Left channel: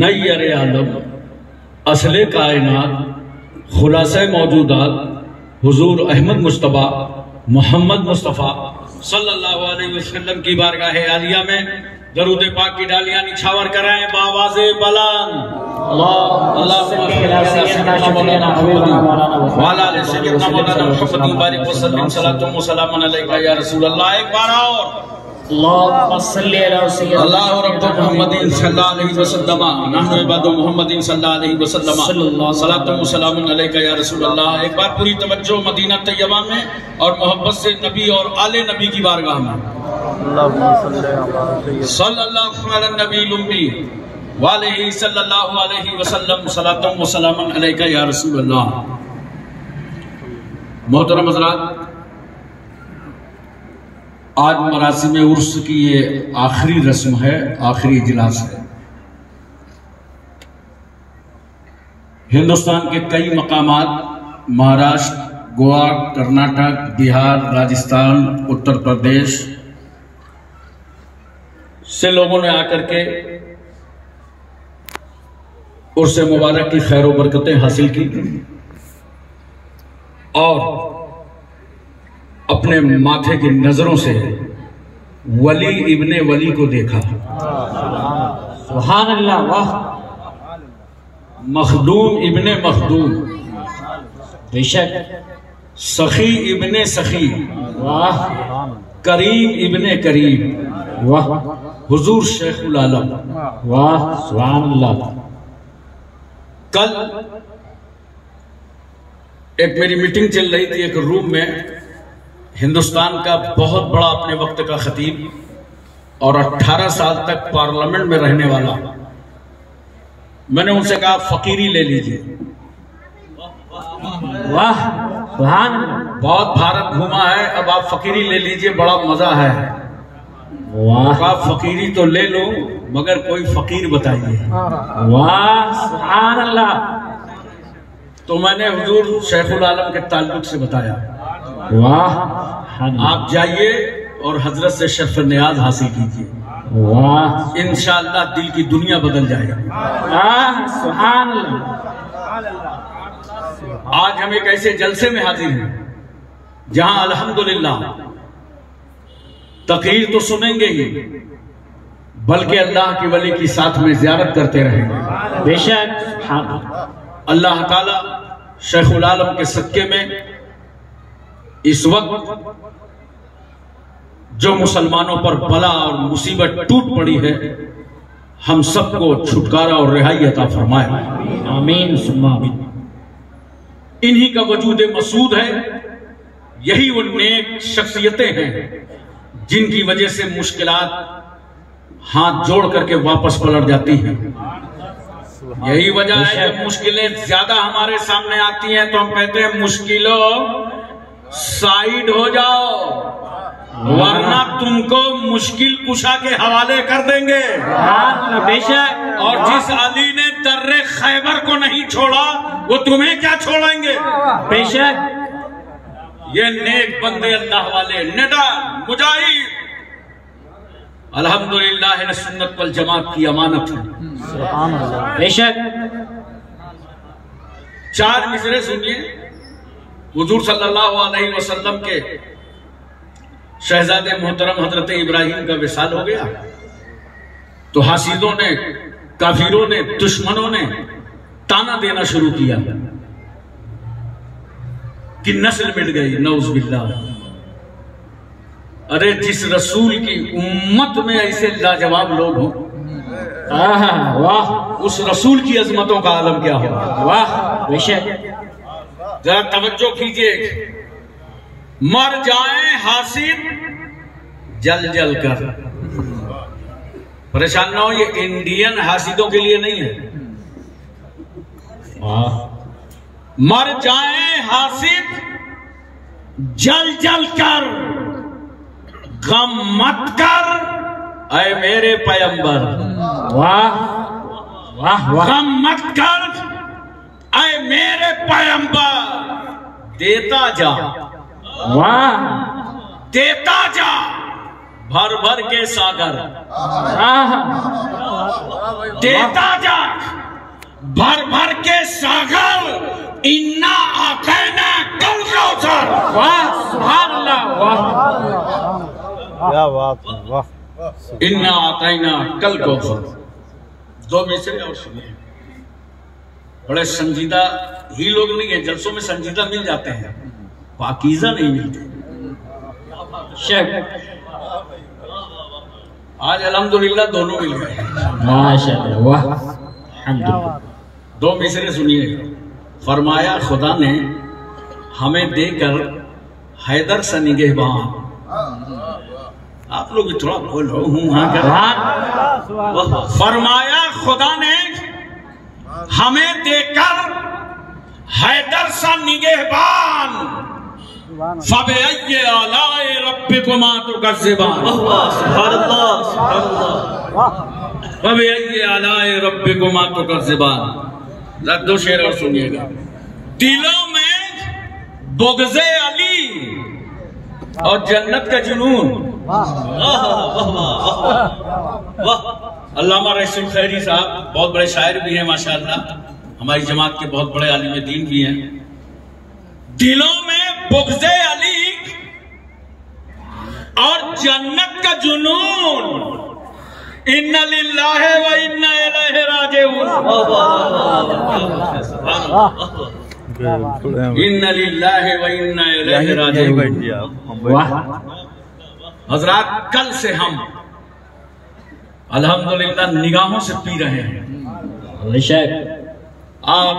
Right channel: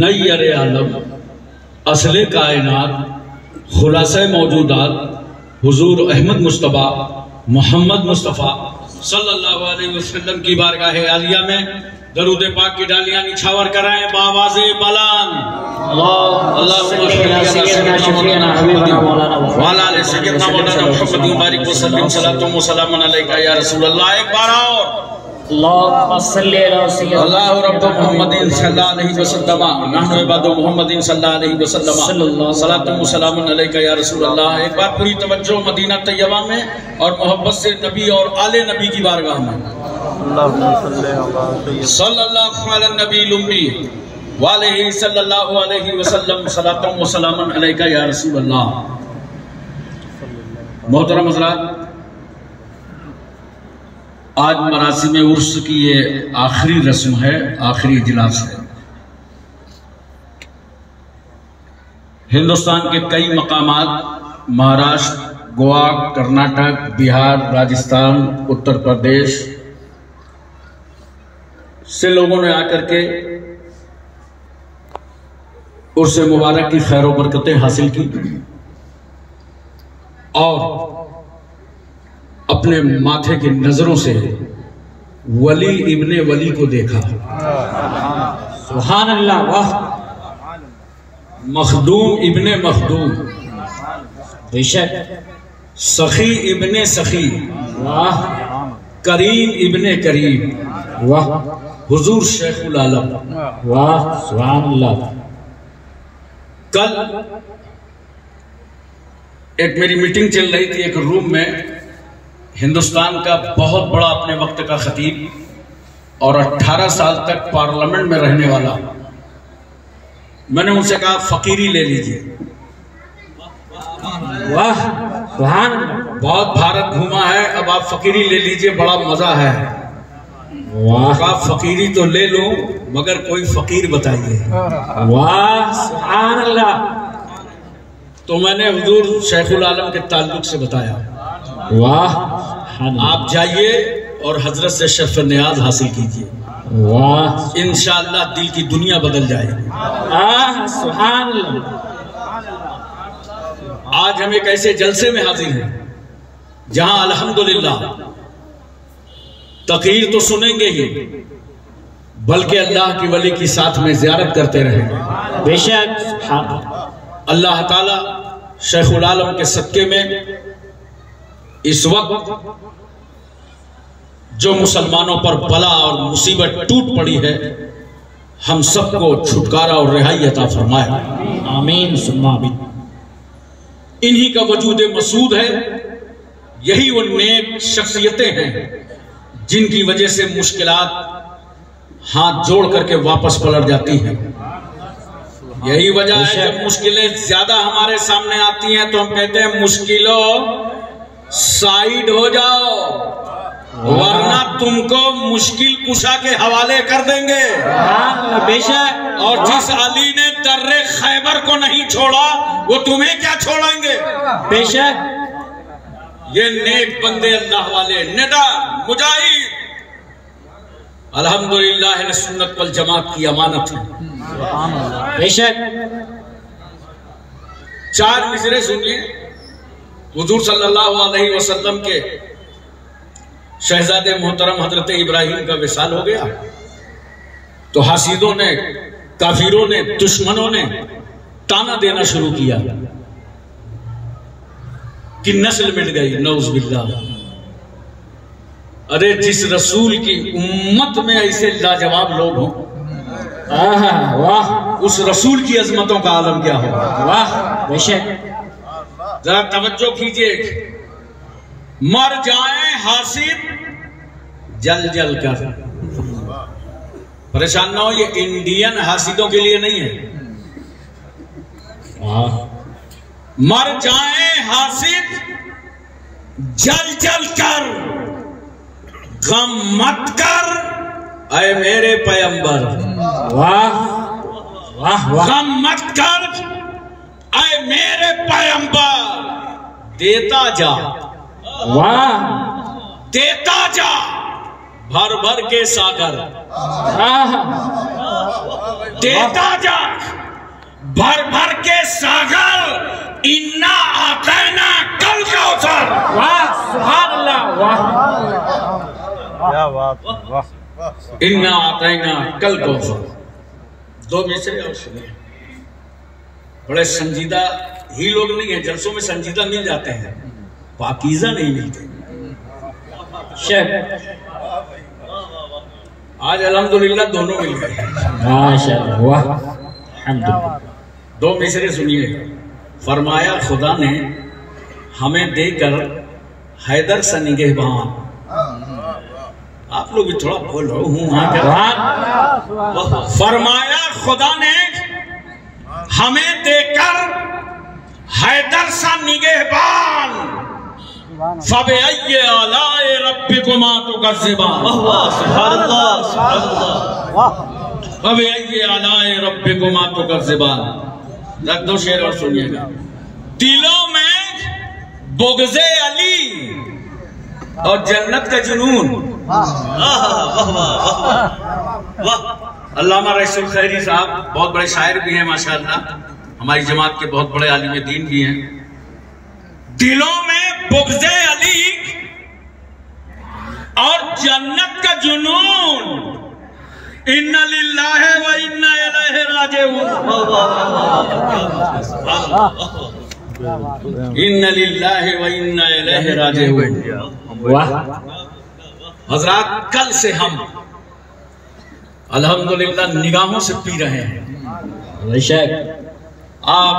नैयर आलम असले कायनात खुलासा मौजूदात हुजूर अहमद मुस्तफ़ा मोहम्मद मुस्तफ़ा सल्लल्लाहु अलैहि वसल्लम की बारगाह आलिया में दरूद पाक की डालियां निछावर कराएं बावाज़े बुलंद एक बार और अल्लाह रब्बु मुहम्मदिन सल्लल्लाहु अलैहि वसल्लम नहनु इबादु मुहम्मदिन सल्लल्लाहु अलैहि वसल्लम सलातु व सलामुन अलैका या रसूल अल्लाह। एक बार पूरी तवज्जो मदीना तैयबा में और मोहब्बत से नबी और आले नबी की बारगाह में सल्लल्लाहु अलैहि नबील उम्मी वालेही सल्लल्लाहु अलैहि वसल्लम सलातु व सलामुन अलैका या रसूल अल्लाह। मोहतरम हज़रात, आज मरासिम उर्स की ये आखिरी रस्म है, आखिरी इजलास है। हिंदुस्तान के कई मकामात महाराष्ट्र, गोवा, कर्नाटक, बिहार, राजस्थान, उत्तर प्रदेश से लोगों ने आकर के उर्स मुबारक की खैर व बरकतें हासिल की और अपने माथे की नजरों से वली इब्ने वली को देखा। सुभान अल्लाह, वाह। मखदूम इब्ने मखदूम, बेशक। सखी इब्ने सखी, वाह। करीम इब्ने करीम, वाह। हुजूर शेखुल आलम, वाह। सुभान अल्लाह। कल एक मेरी मीटिंग चल रही थी एक रूम में, हिंदुस्तान का बहुत बड़ा अपने वक्त का खतीब और 18 साल तक पार्लियामेंट में रहने वाला। मैंने उनसे कहा फकीरी ले लीजिए। वाह, बहुत भारत घूमा है, अब आप फकीरी ले लीजिए, बड़ा मजा है। वाह, आप फकीरी तो ले लो मगर कोई फकीर बताइए। वाह, सुभान अल्लाह। तो मैंने हुजूर शेखुल आलम के ताल्लुक से बताया। वाह, आप जाइए और हजरत से शर्फ नियाज हासिल कीजिए। वाह, इंशाअल्लाह दिल की दुनिया बदल जाएगी। सुभान अल्लाह। आज हम एक ऐसे जलसे में हाजिर हैं जहां अल्हम्दुलिल्लाह तकरीर तो सुनेंगे ही बल्कि अल्लाह की वली की साथ में ज़ियारत करते रहेंगे। बेशक अल्लाह ताला शेखुल आलम के सदके में इस वक्त जो मुसलमानों पर बला और मुसीबत टूट पड़ी है, हम सबको छुटकारा और रिहाई अता फरमाए। आमीन सुम्मा आमीन। इन्हीं का वजूद मसूद है, यही वो नेक शख्सियतें हैं जिनकी वजह से मुश्किलात हाथ जोड़ करके वापस पलट जाती हैं। यही वजह है जब मुश्किलें ज्यादा हमारे सामने आती हैं तो हम कहते हैं मुश्किलों साइड हो जाओ वरना तुमको मुश्किल कुशा के हवाले कर देंगे। बेशक। और जिस अली ने दर्रे खैबर को नहीं छोड़ा वो तुम्हें क्या छोड़ेंगे। बेशक। ये नेक बंदे अल्लाह वाले निडा मुजाहिद अल्हम्दुलिल्लाह सुन्नत वल जमात की अमानत है। बेशक। 4 मिसरे सुनिए। हुजूर सल्लल्लाहु अलैहि वसल्लम के शहजादे मोहतरम हजरत इब्राहिम का विसाल हो गया तो हासिदों ने, काफिरों ने, दुश्मनों ने ताना देना शुरू किया कि नस्ल मिट गई, नऊज़ बिल्लाह। अरे जिस रसूल की उम्मत में ऐसे लाजवाब लोग हों, वाह, उस रसूल की अजमतों का आलम क्या होगा। वाह, बेशक। जरा तवज्जो कीजिए। मर जाए हासिद जल जल कर, परेशान ना हो, ये इंडियन हासिदों के लिए नहीं है। मर जाए हासिद जल जल कर, गम मत कर ऐ मेरे पैगंबर। वाह वाह, गम मत कर ऐ मेरे पैगंबर, देता जा। वाह, देता जा भर भर के सागर। देता जा भर भर के सागर, इन्ना आतैना कल कौसर। वाह सुभान अल्लाह, वाह क्या बात, वाह। इन्ना आतैना कल कौसर। दो मिसरे और सुनिए। बड़े संजीदा ही लोग नहीं है, जलसों में संजीदा मिल जाते हैं, पाकीज़ा नहीं मिलते। शेख आज अल्हम्दुलिल्लाह दोनों मिल गए। माशाअल्लाह, वाह अल्हम्दुलिल्लाह। दो मिसरे सुनिए। फरमाया खुदा ने हमें देकर हैदर सा निगहबान। आप लोग भी थोड़ा बोलो हूँ। फरमाया खुदा ने हमें देकर हैदर सा निगहबान, फबअय्यि आलाए रब्बिकुमा तुकज़्ज़िबान। फबअय्यि आलाए रब्बिकुमा तुकज़्ज़िबान। रख दो शेर और सुनिएगा। दिलों में बुग़्ज़े अली और जन्नत का जुनून। अल्लामा रईसुल खैरी साहब बहुत बड़े शायर भी हैं माशाअल्लाह, हमारी जमात के बहुत बड़े आलिम दीन भी हैं। दिलों में बुग़्ज़े अली और जन्नत का जुनून, इन्ना लिल्लाहि व इन्ना इलैहि राजिऊन। इन्ना लिल्लाहि व इन्ना इलैहि राजिऊन। वाह। हजरात, कल से हम अल्हम्दुलिल्लाह निगाहों से पी रहे हैं। शेख आप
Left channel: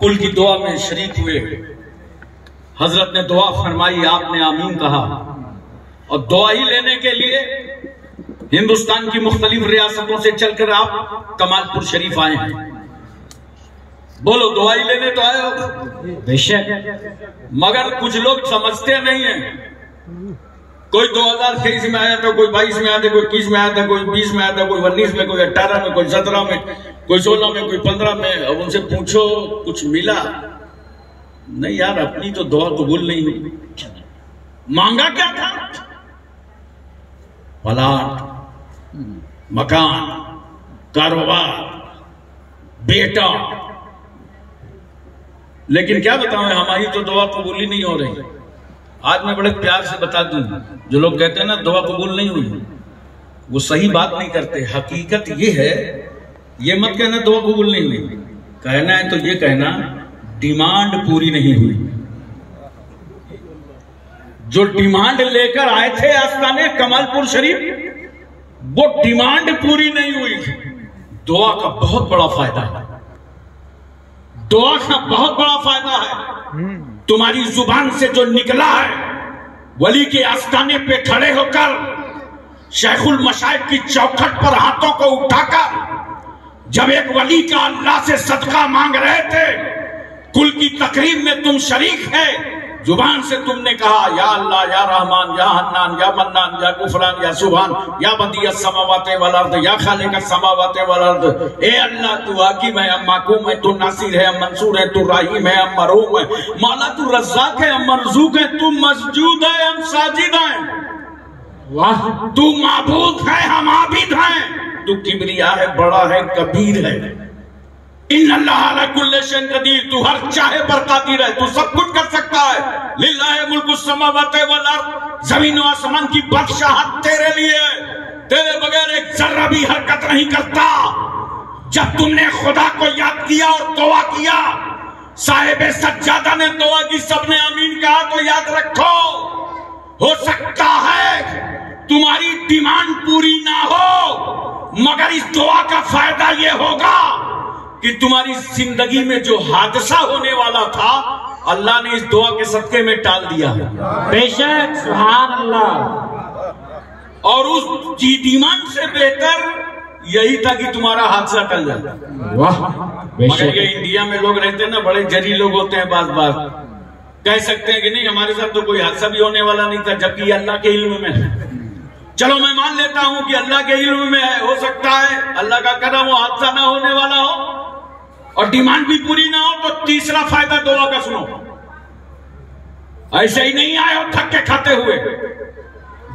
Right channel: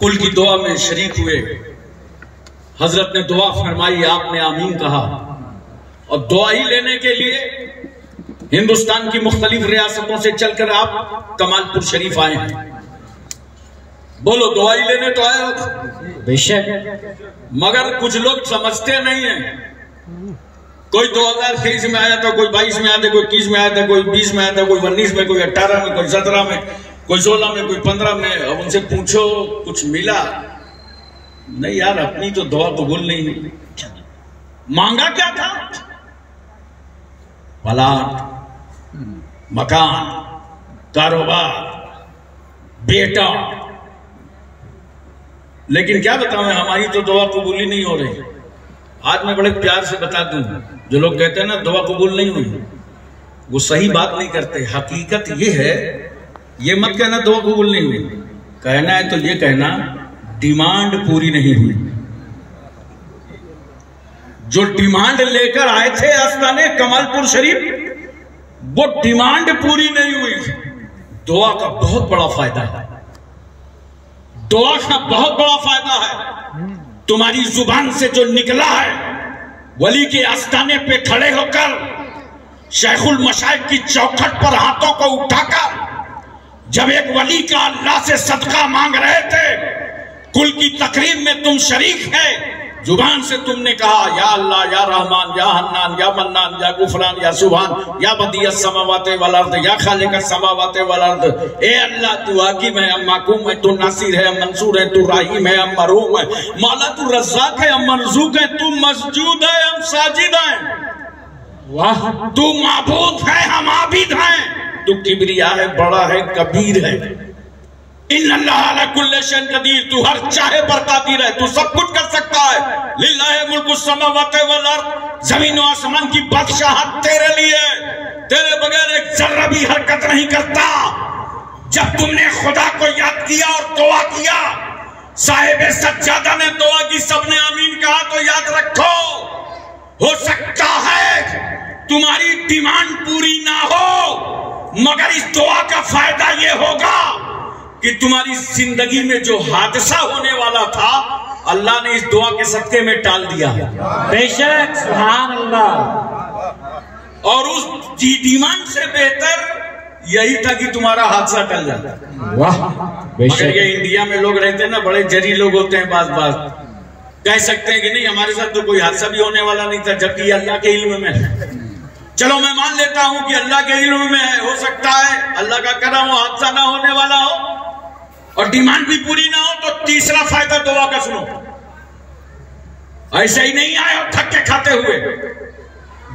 कुल की दुआ में शरीक हुए, हजरत ने दुआ फरमाई, आपने आमीन कहा, और दुआ ही लेने के लिए हिंदुस्तान की मुख्तलिफ रियासतों से चलकर आप कमालपुर शरीफ आए हैं। बोलो दुआई लेने तो आए हो, बेशक। मगर कुछ लोग समझते नहीं हैं। कोई 2023 में आया था, कोई 22 में आया था, कोई 21 में आया था, कोई 20 में आया था, कोई 19 में, कोई 18 में, कोई 17 में, कोई 16 में, कोई 15 में। अब उनसे पूछो कुछ मिला नहीं? यार अपनी तो दुआ कबूल नहीं हुई। मांगा क्या था? प्लाट, मकान, कारोबार, बेटा। लेकिन क्या बताऊं, हमारी तो दुआ कबूल ही नहीं हो रही। आज मैं बड़े प्यार से बता दूं, जो लोग कहते हैं ना दुआ कबूल नहीं हुई, वो सही बात नहीं करते। हकीकत ये है, ये मत कहना दुआ कबूल नहीं हुई, कहना है तो ये कहना डिमांड पूरी नहीं हुई। जो डिमांड लेकर आए थे आस्ताने कमालपुर शरीफ, वो डिमांड पूरी नहीं हुई। दुआ का बहुत बड़ा फायदा है, दुआ का बहुत बड़ा फायदा है। तुम्हारी जुबान से जो निकला है, वली के आस्ताने पे खड़े होकर शेखुल मशाइख की चौखट पर हाथों को उठाकर जब एक वली का अल्लाह से सदका मांग रहे थे, कुल की तकरीब में तुम शरीक है, जुबान से तुमने कहा या अल्लाह, या रहमान, या हन्नान, या मन्नान, या गुफरान, या सुभान, या बदियस समावाते वल अर्द, या खालिकस समावाते वल अर्द। ए अल्लाह, तू हाकिम है, हम महकूम है, तू नासिर है, हम मंसूर है, तू राहीम है, हम मरहूम है, मौला तू रज़्ज़ाक है, हम मरज़ूक है, तू मसजूद है, हम साजिद हैं। वाह। तू माबूद है, हम आबिद हैं। तू किबरिया है, बड़ा है, कबीर है। इन्नल्लाह अला कुल्लि शैइन कदीर, तू हर चाहे पर कादिर है, तू सब कुछ कर सकता है। लिल्लाहि मुल्कुस समावाति वल अर्द, जमीन और आसमान की बादशाहत तेरे लिए, तेरे बगैर एक जर्रा भी हरकत नहीं करता। जब तुमने खुदा को याद किया और दुआ किया, साहिब सज्जादा ने दुआ की, सबने आमीन कहा, तो याद रखो, हो सकता है तुम्हारी डिमांड पूरी ना हो, मगर इस दुआ का फायदा ये होगा कि तुम्हारी जिंदगी में जो हादसा होने वाला था, अल्लाह ने इस दुआ के सदके में टाल दिया। बेशक, सुभान अल्लाह। और उस डिमांड से बेहतर यही था कि तुम्हारा हादसा टल जाता। वाह। मगर ये इंडिया में लोग रहते हैं ना, बड़े जरी लोग होते हैं, बात बात कह सकते हैं कि नहीं हमारे साथ तो कोई हादसा भी होने वाला नहीं था, जबकि अल्लाह के इल्म में है। चलो मैं मान लेता हूं कि अल्लाह के इल्म में है, हो सकता है अल्लाह का करम वो हादसा ना होने वाला हो और डिमांड भी पूरी ना हो। तो तीसरा फायदा दुआ का सुनो। ऐसे ही नहीं आए हो थक के खाते हुए,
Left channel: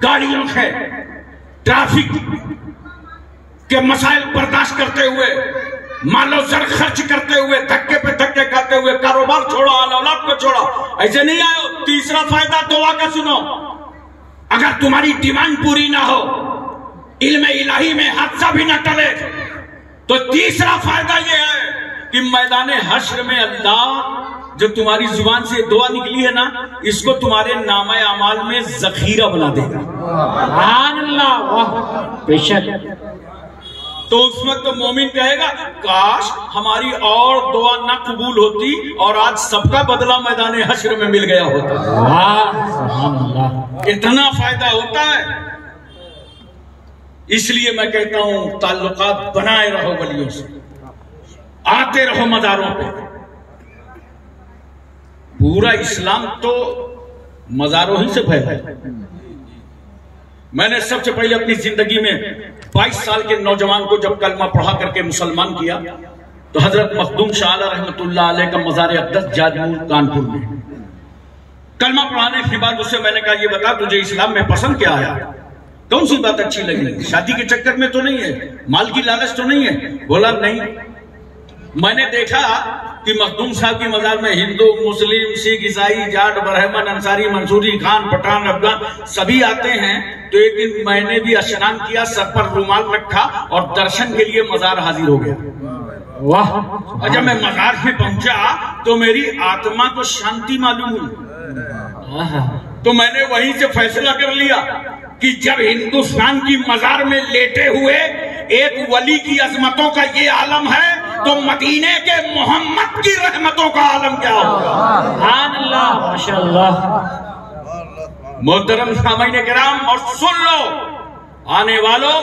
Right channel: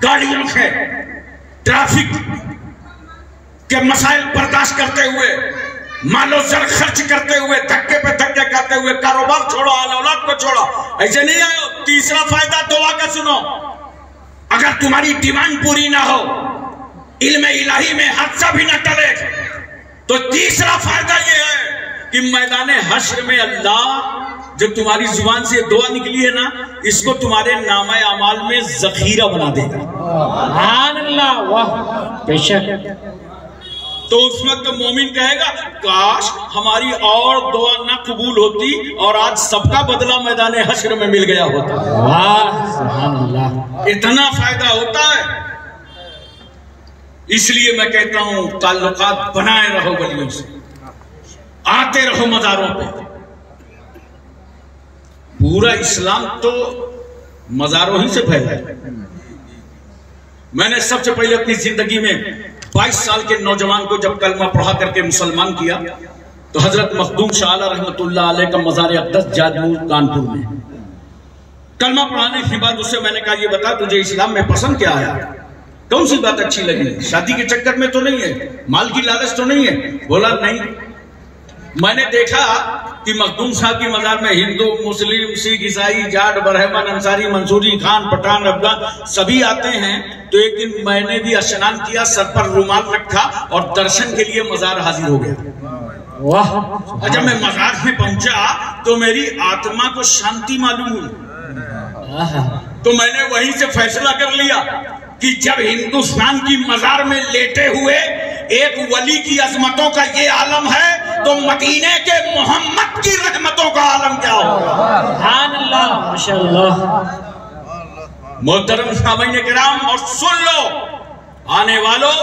गाड़ियों के ट्रैफिक के मसाइल बर्दाश्त करते हुए, मालो जर खर्च करते हुए, धक्के पे धक्के खाते हुए कारोबार छोड़ो, औलाद को छोड़ो, ऐसे नहीं आए। तीसरा फायदा दुआ का सुनो। अगर तुम्हारी डिमांड पूरी ना हो, इल्म इलाही में हादसा भी ना टले, तो तीसरा फायदा यह है कि मैदाने हश्र में अल्लाह जब तुम्हारी जुबान से दुआ निकली है ना, इसको तुम्हारे नामे अमाल में जखीरा बना देगा। सुभान अल्लाह, वाह, बेशक। तो उस वक्त मोमिन कहेगा काश हमारी और दुआ ना कबूल होती और आज सबका बदला मैदाने हश्र में मिल गया होता। वाह, सुभान अल्लाह। इतना फायदा होता है। इसलिए मैं कहता हूं ताल्लुकात बनाए रहो वलियों से, आते रहो मज़ारों पे। पूरा इस्लाम तो मज़ारों ही से फैला है। मैंने सबसे पहले अपनी जिंदगी में 22 साल के नौजवान को जब कलमा पढ़ा करके मुसलमान किया तो हजरत मखदूम शाह रहमतुल्लाह अलैह का मज़ार अक़दस जादमूर कानपुर में कलमा पढ़ाने के बाद उससे मैंने कहा, ये बता तुझे इस्लाम में पसंद क्या आया, कौन सी बात अच्छी लगी, शादी के चक्कर में तो नहीं है, माल की लालच तो नहीं है? बोला नहीं। मैंने देखा कि मखदूम साहब की मज़ार में हिंदू, मुस्लिम, सिख, ईसाई, जाट, ब्राह्मण, अंसारी, मंसूरी, खान, पठान, अफगान सभी आते हैं। तो एक दिन मैंने भी स्नान किया, सर पर रुमाल रखा और दर्शन के लिए मज़ार हाजिर हो गया। वाह। और जब मैं मज़ार में पहुंचा तो मेरी आत्मा को शांति मालूम हुई। तो मैंने वहीं से फैसला कर लिया कि जब हिंदुस्तान की मज़ार में लेटे हुए एक वली की अजमतों का ये आलम है, तो मदीने के मोहम्मद की रहमतों का आलम क्या होगा। सुभान अल्लाह, माशाअल्लाह। मोहतरम सामईन किराम, और सुन लो आने वालों,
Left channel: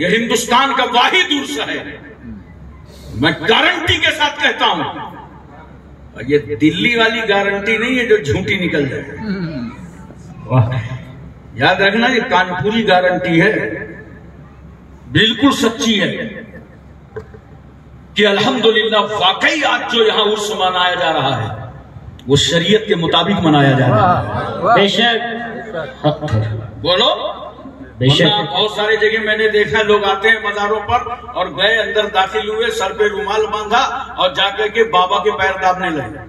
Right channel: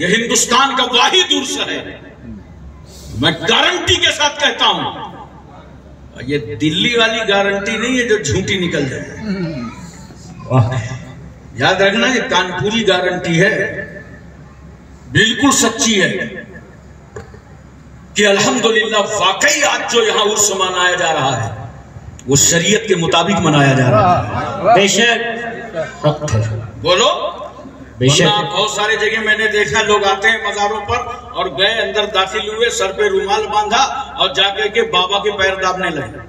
ये हिंदुस्तान का वाहिद उर्स है, मैं गारंटी के साथ कहता हूं। ये दिल्ली वाली गारंटी नहीं है जो झूठी निकल जाए। याद रखना, ये कानपुरी गारंटी है, बिल्कुल सच्ची है कि अल्हम्दुलिल्लाह वाकई आज जो यहां उर्स मनाया जा रहा है वो शरीयत के मुताबिक मनाया जा रहा है। बेशक। बोलो बेशक। बहुत सारे जगह मैंने देखा लोग आते हैं मज़ारों पर और गए, अंदर दाखिल हुए, सर पे रुमाल बांधा और जाकर के बाबा के पैर दाबने लगे।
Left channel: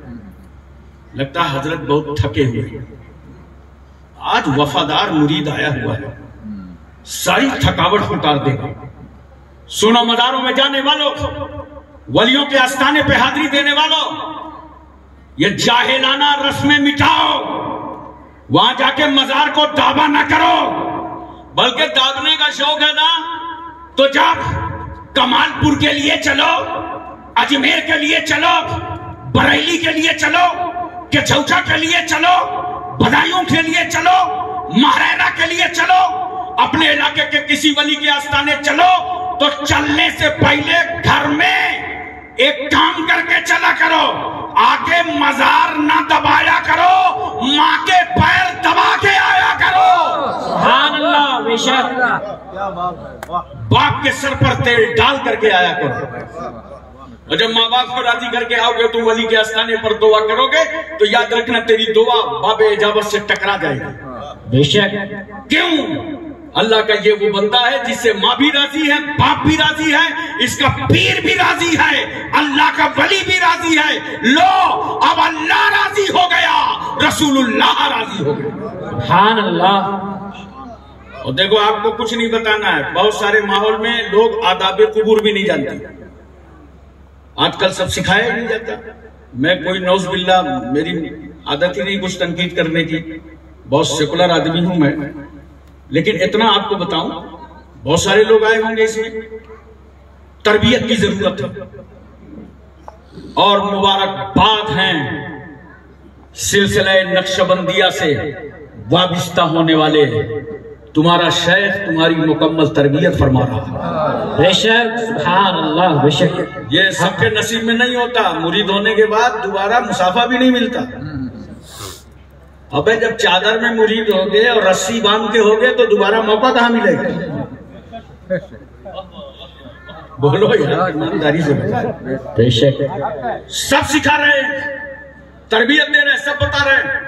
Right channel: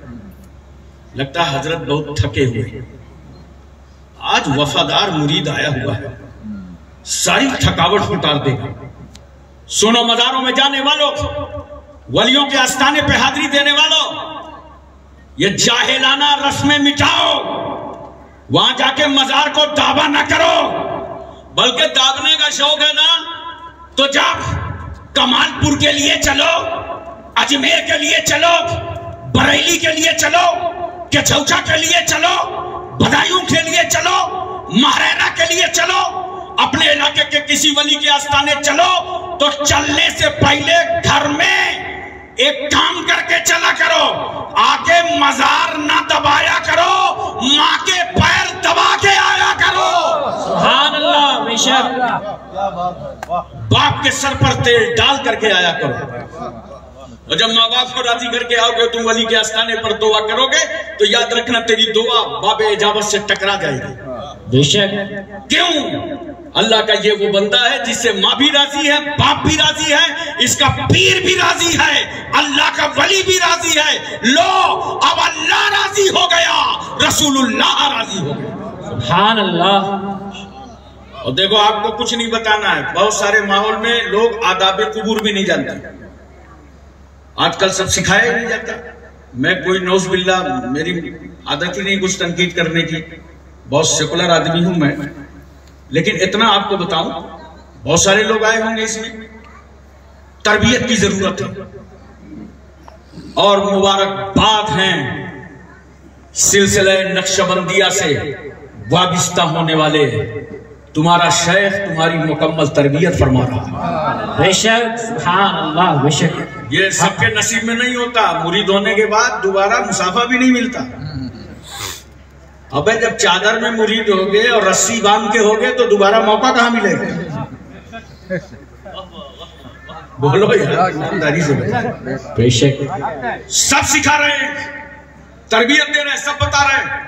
लगता है हजरत बहुत थके हुए। आज वफादार मुरीद आया हुआ है, सारी थकावट उतार देगा। सुनो मज़ारों में जाने वालों, वलियों के आस्थाने पे हाजिरी देने वालों, ये जाहिलाना रस्में मिटाओ। वहां जाके मज़ार को दावा ना करो, बल्कि दाबने का शौक है ना तो जब कमालपुर के लिए चलो, अजमेर के लिए चलो, बरेली के लिए चलो, केचौचा के लिए चलो, बदायूं के लिए चलो, महरैना के लिए चलो, अपने इलाके के किसी वली के आस्थाने चलो, तो चलने से पहले घर में एक काम करके चला करो, आके मज़ार ना दबाया करो, माँ के पैर दबा के आया करो। सुभान अल्लाह, बेशक। बाप के सर पर तेल डाल करके आया करो। और जब माँ बाप को राजी करके आओगे, तुम वली के आस्थाने पर दुआ करोगे, तो याद रखना तेरी दुआ बाबे इजाबत से टकरा जाएगी। बेशक। क्यों? अल्लाह का ये वो बंदा है जिससे माँ भी राजी है, बाप भी राजी है, इसका पीर भी राजी है, अल्लाह का वली भी राजी है। लो अब अल्लाह राजी हो गया, रसूलुल्लाह राजी हो गया। सुभान अल्लाह। और देखो आपको कुछ नहीं बताना है, बहुत सारे माहौल में लोग आदाब कुबूर भी नहीं जानते। आजकल सब सिखाया ही नहीं जाता। मैं कोई नौज बिल्ला, मेरी आदत ही नहीं कुछ तनकीद करने की, बहुत सेकुलर आदमी हूं मैं, लेकिन इतना आपको बताऊं, बहुत सारे लोग आए होंगे, इसमें तरबियत की जरूरत है। और मुबारकबाद हैं सिलसिले नक्शबंदिया से वाबिस्ता होने वाले, तुम्हारा शेख तुम्हारी मुकम्मल तरबियत फरमा रहा है। बेशक। सुभान अल्लाह, बेशक। ये सबके नसीब में नहीं होता। मुरीद होने के बाद दोबारा मुसाफा भी नहीं मिलता। अबे जब चादर में मुरीद हो गए और रस्सी बांध के हो गए तो दोबारा मौका कहां मिलेगा? बोलो यार, ईमानदारी से बताओ। बेशक। सब सिखा रहे हैं, तरबियत दे रहे हैं, सब बता रहे हैं।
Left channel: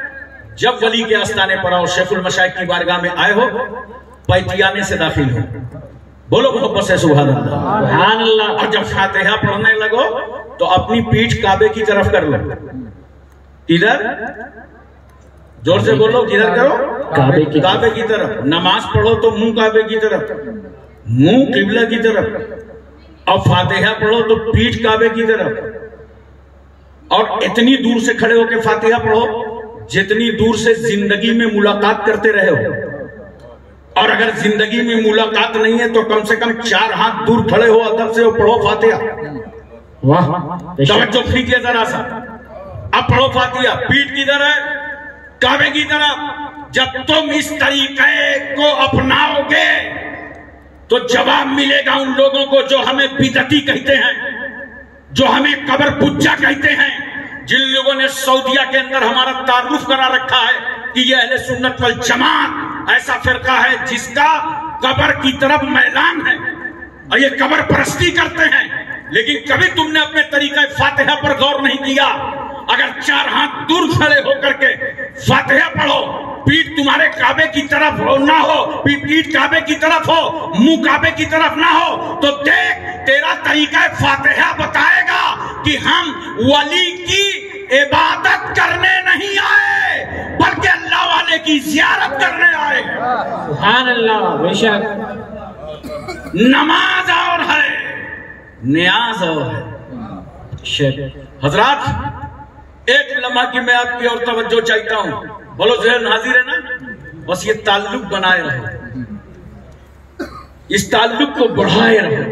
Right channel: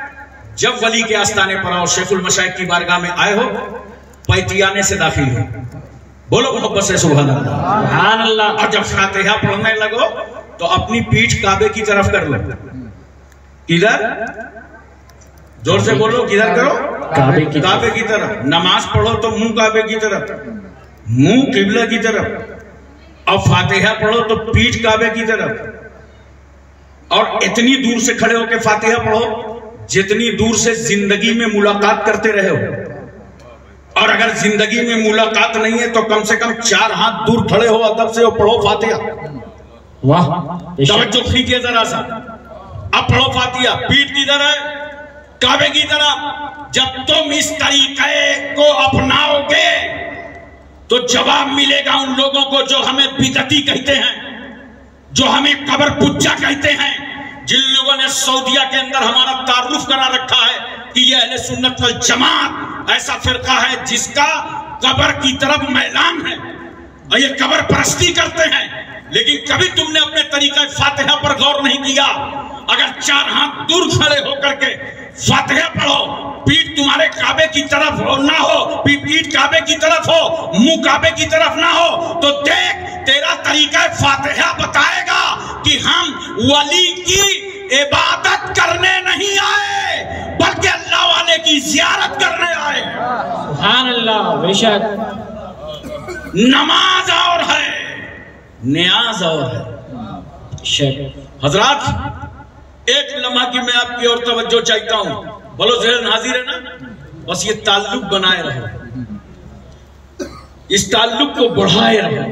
जब वली के आस्थाने पर आओ, शेखुल मशाइख की बारगाह में आए हो, पैतियाने से दाखिल हो, बोलो मोहब्बत से सुभान अल्लाह। सुभान अल्लाह। और जब फातिहा पढ़ने लगो तो अपनी पीठ काबे की तरफ कर लो। किधर? जोर से बोलो, किधर करो? काबे की काबे की तरफ। नमाज पढ़ो तो मुंह काबे की तरफ, मुंह किबला की तरफ। और फातिहा पढ़ो तो पीठ काबे की तरफ। और इतनी दूर से खड़े होकर फातिहा पढ़ो जितनी दूर से जिंदगी में मुलाकात करते रहे हो। और अगर जिंदगी में मुलाकात नहीं है तो कम से कम 4 हाथ दूर खड़े हो, अदब से पढ़ो फातिहा। वाह, तवज्जो कीजिए जरा सा। अब पढ़ो फातिहा। पीठ किधर है? काबे की तरफ। जब तुम इस तरीके को अपनाओगे तो जवाब मिलेगा उन लोगों को जो हमें बिदअती कहते हैं, जो हमें कब्र पुज्जा कहते हैं, जिन लोगों ने सऊदिया के अंदर हमारा तारुफ करा रखा है कि ये अहले सुन्नत वल जमात ऐसा फिरका है जिसका कब्र की तरफ मैलान है और ये कब्र परस्ती करते हैं। लेकिन कभी तुमने अपने तरीका फातिहा पर गौर नहीं किया। अगर 4 हाथ दूर खड़े होकर के फातिहा पढ़ो, पीठ तुम्हारे काबे की तरफ हो ना हो, पीठ काबे की तरफ हो, मुंह काबे की तरफ ना हो, तो देख तेरा तरीका फातिहा बताएगा कि हम वली की इबादत करने नहीं आए बल्कि अल्लाह वाले की जियारत करने आए। सुभान अल्लाह। बेशक नमाज और है, नियाज और है। हजरात, एक लम्हा की मैं आपकी और तवज्जो चाहता हूं। बोलो ज़हन हाजिर है ना? बस ये ताल्लुक बनाए रहो, इस ताल्लुक को बढ़ाए रहो,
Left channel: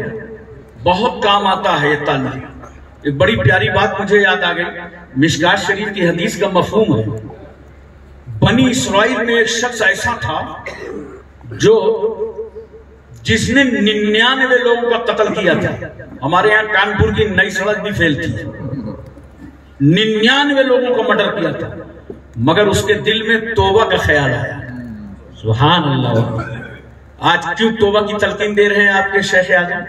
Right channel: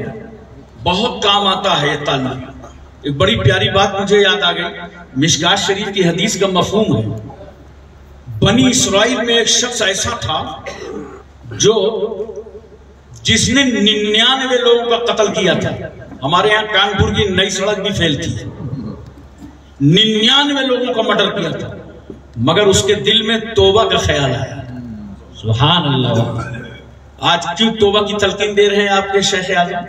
बहुत काम आता है ये ताल्लुक। एक बड़ी प्यारी बात मुझे याद आ गई। मिशकात शरीफ की हदीस का मफहूम है, बनी इस्राइल में एक शख्स ऐसा था जो जिसने 99 लोगों का कत्ल किया था। हमारे यहाँ कानपुर की नई सड़क भी फेल थी। 99 लोगों का मर्डर किया था, मगर उसके दिल में तौबा का ख्याल आया। सुभान अल्लाह। आज क्यों तौबा की तलकीन दे रहे हैं आपके शेख आजम?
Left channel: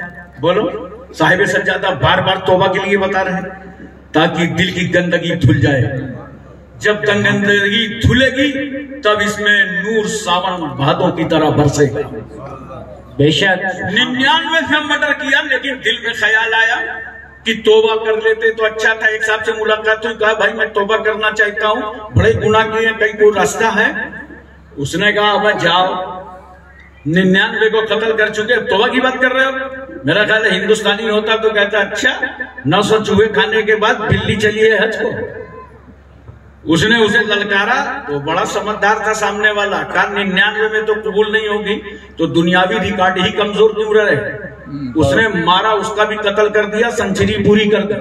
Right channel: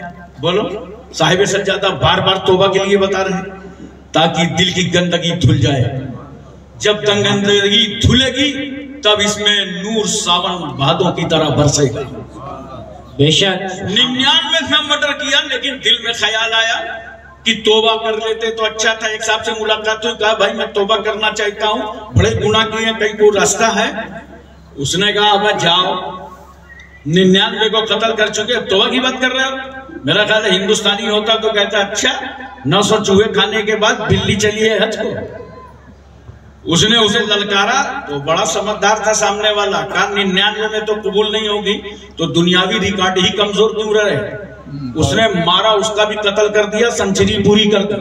बोलो। साहिब सज्जादा बार बार तौबा के लिए बता रहे हैं ताकि दिल की गंदगी धुल जाए। जब गंदगी धुलेगी तब इसमें नूर सावन भादों की तरह बरसेगा। बेशक 99 से मर्डर किया, लेकिन दिल में ख्याल आया कि तौबा कर लेते तो अच्छा था। एक साहब से मुलाकात हुई, कहा भाई मैं तौबा करना चाहता हूँ, बड़े गुनाह किए हैं, कहीं कोई रास्ता है? उसने कहा मैं जाओ, 99 को कत्ल कर चुके, अब तौबा की बात कर रहे हो? मेरा ख्याल है हिंदुस्तानी होता तो कहता अच्छा 900 चूहे खाने के बाद बिल्ली चली है हज को। उसने उसे ललकारा तो बड़ा समझदार था सामने वाला, कहा 99 में तो कबूल नहीं होगी तो दुनियावी रिकॉर्ड ही कमजोर क्यों रहे। उसने मारा, उसका भी कत्ल कर दिया, सेंचुरी पूरी कर दी,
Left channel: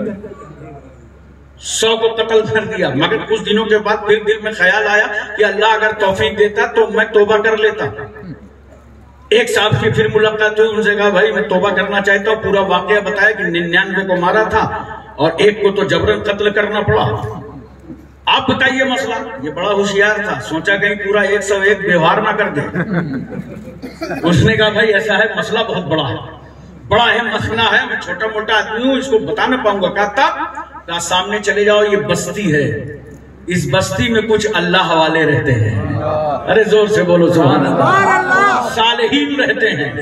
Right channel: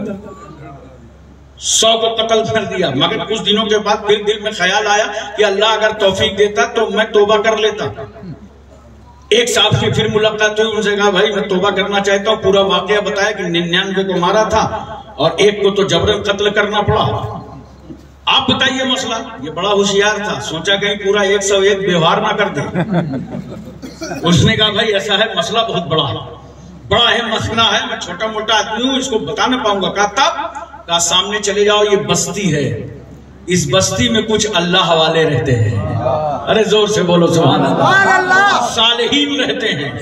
100 को कत्ल कर दिया। मगर कुछ दिनों के बाद फिर दिल में ख्याल आया कि अल्लाह अगर तौफीक देता तो मैं तौबा कर लेता। एक साहब से फिर मुलाकात हुई, उनसे कहा भाई मैं तौबा करना चाहता हूँ। पूरा वाकया बताया कि 99 को मारा था और एक को तो जबरन कत्ल करना पड़ा। आप बताइए मसला। ये बड़ा होशियार था, सोचा कहीं पूरा 101 व्यवहार ना कर दे। उसने कहा भाई ऐसा है, मसला बहुत बड़ा है, बड़ा है मसला है, मैं छोटा मोटा आदमी हूँ, इसको बता नहीं पाऊंगा। कहा सामने चले जाओ, ये बस्ती है, इस बस्ती में कुछ अल्लाह वाले रहते हैं। अरे जोर से बोलो सुभान अल्लाह। सालेहीन रहते हैं,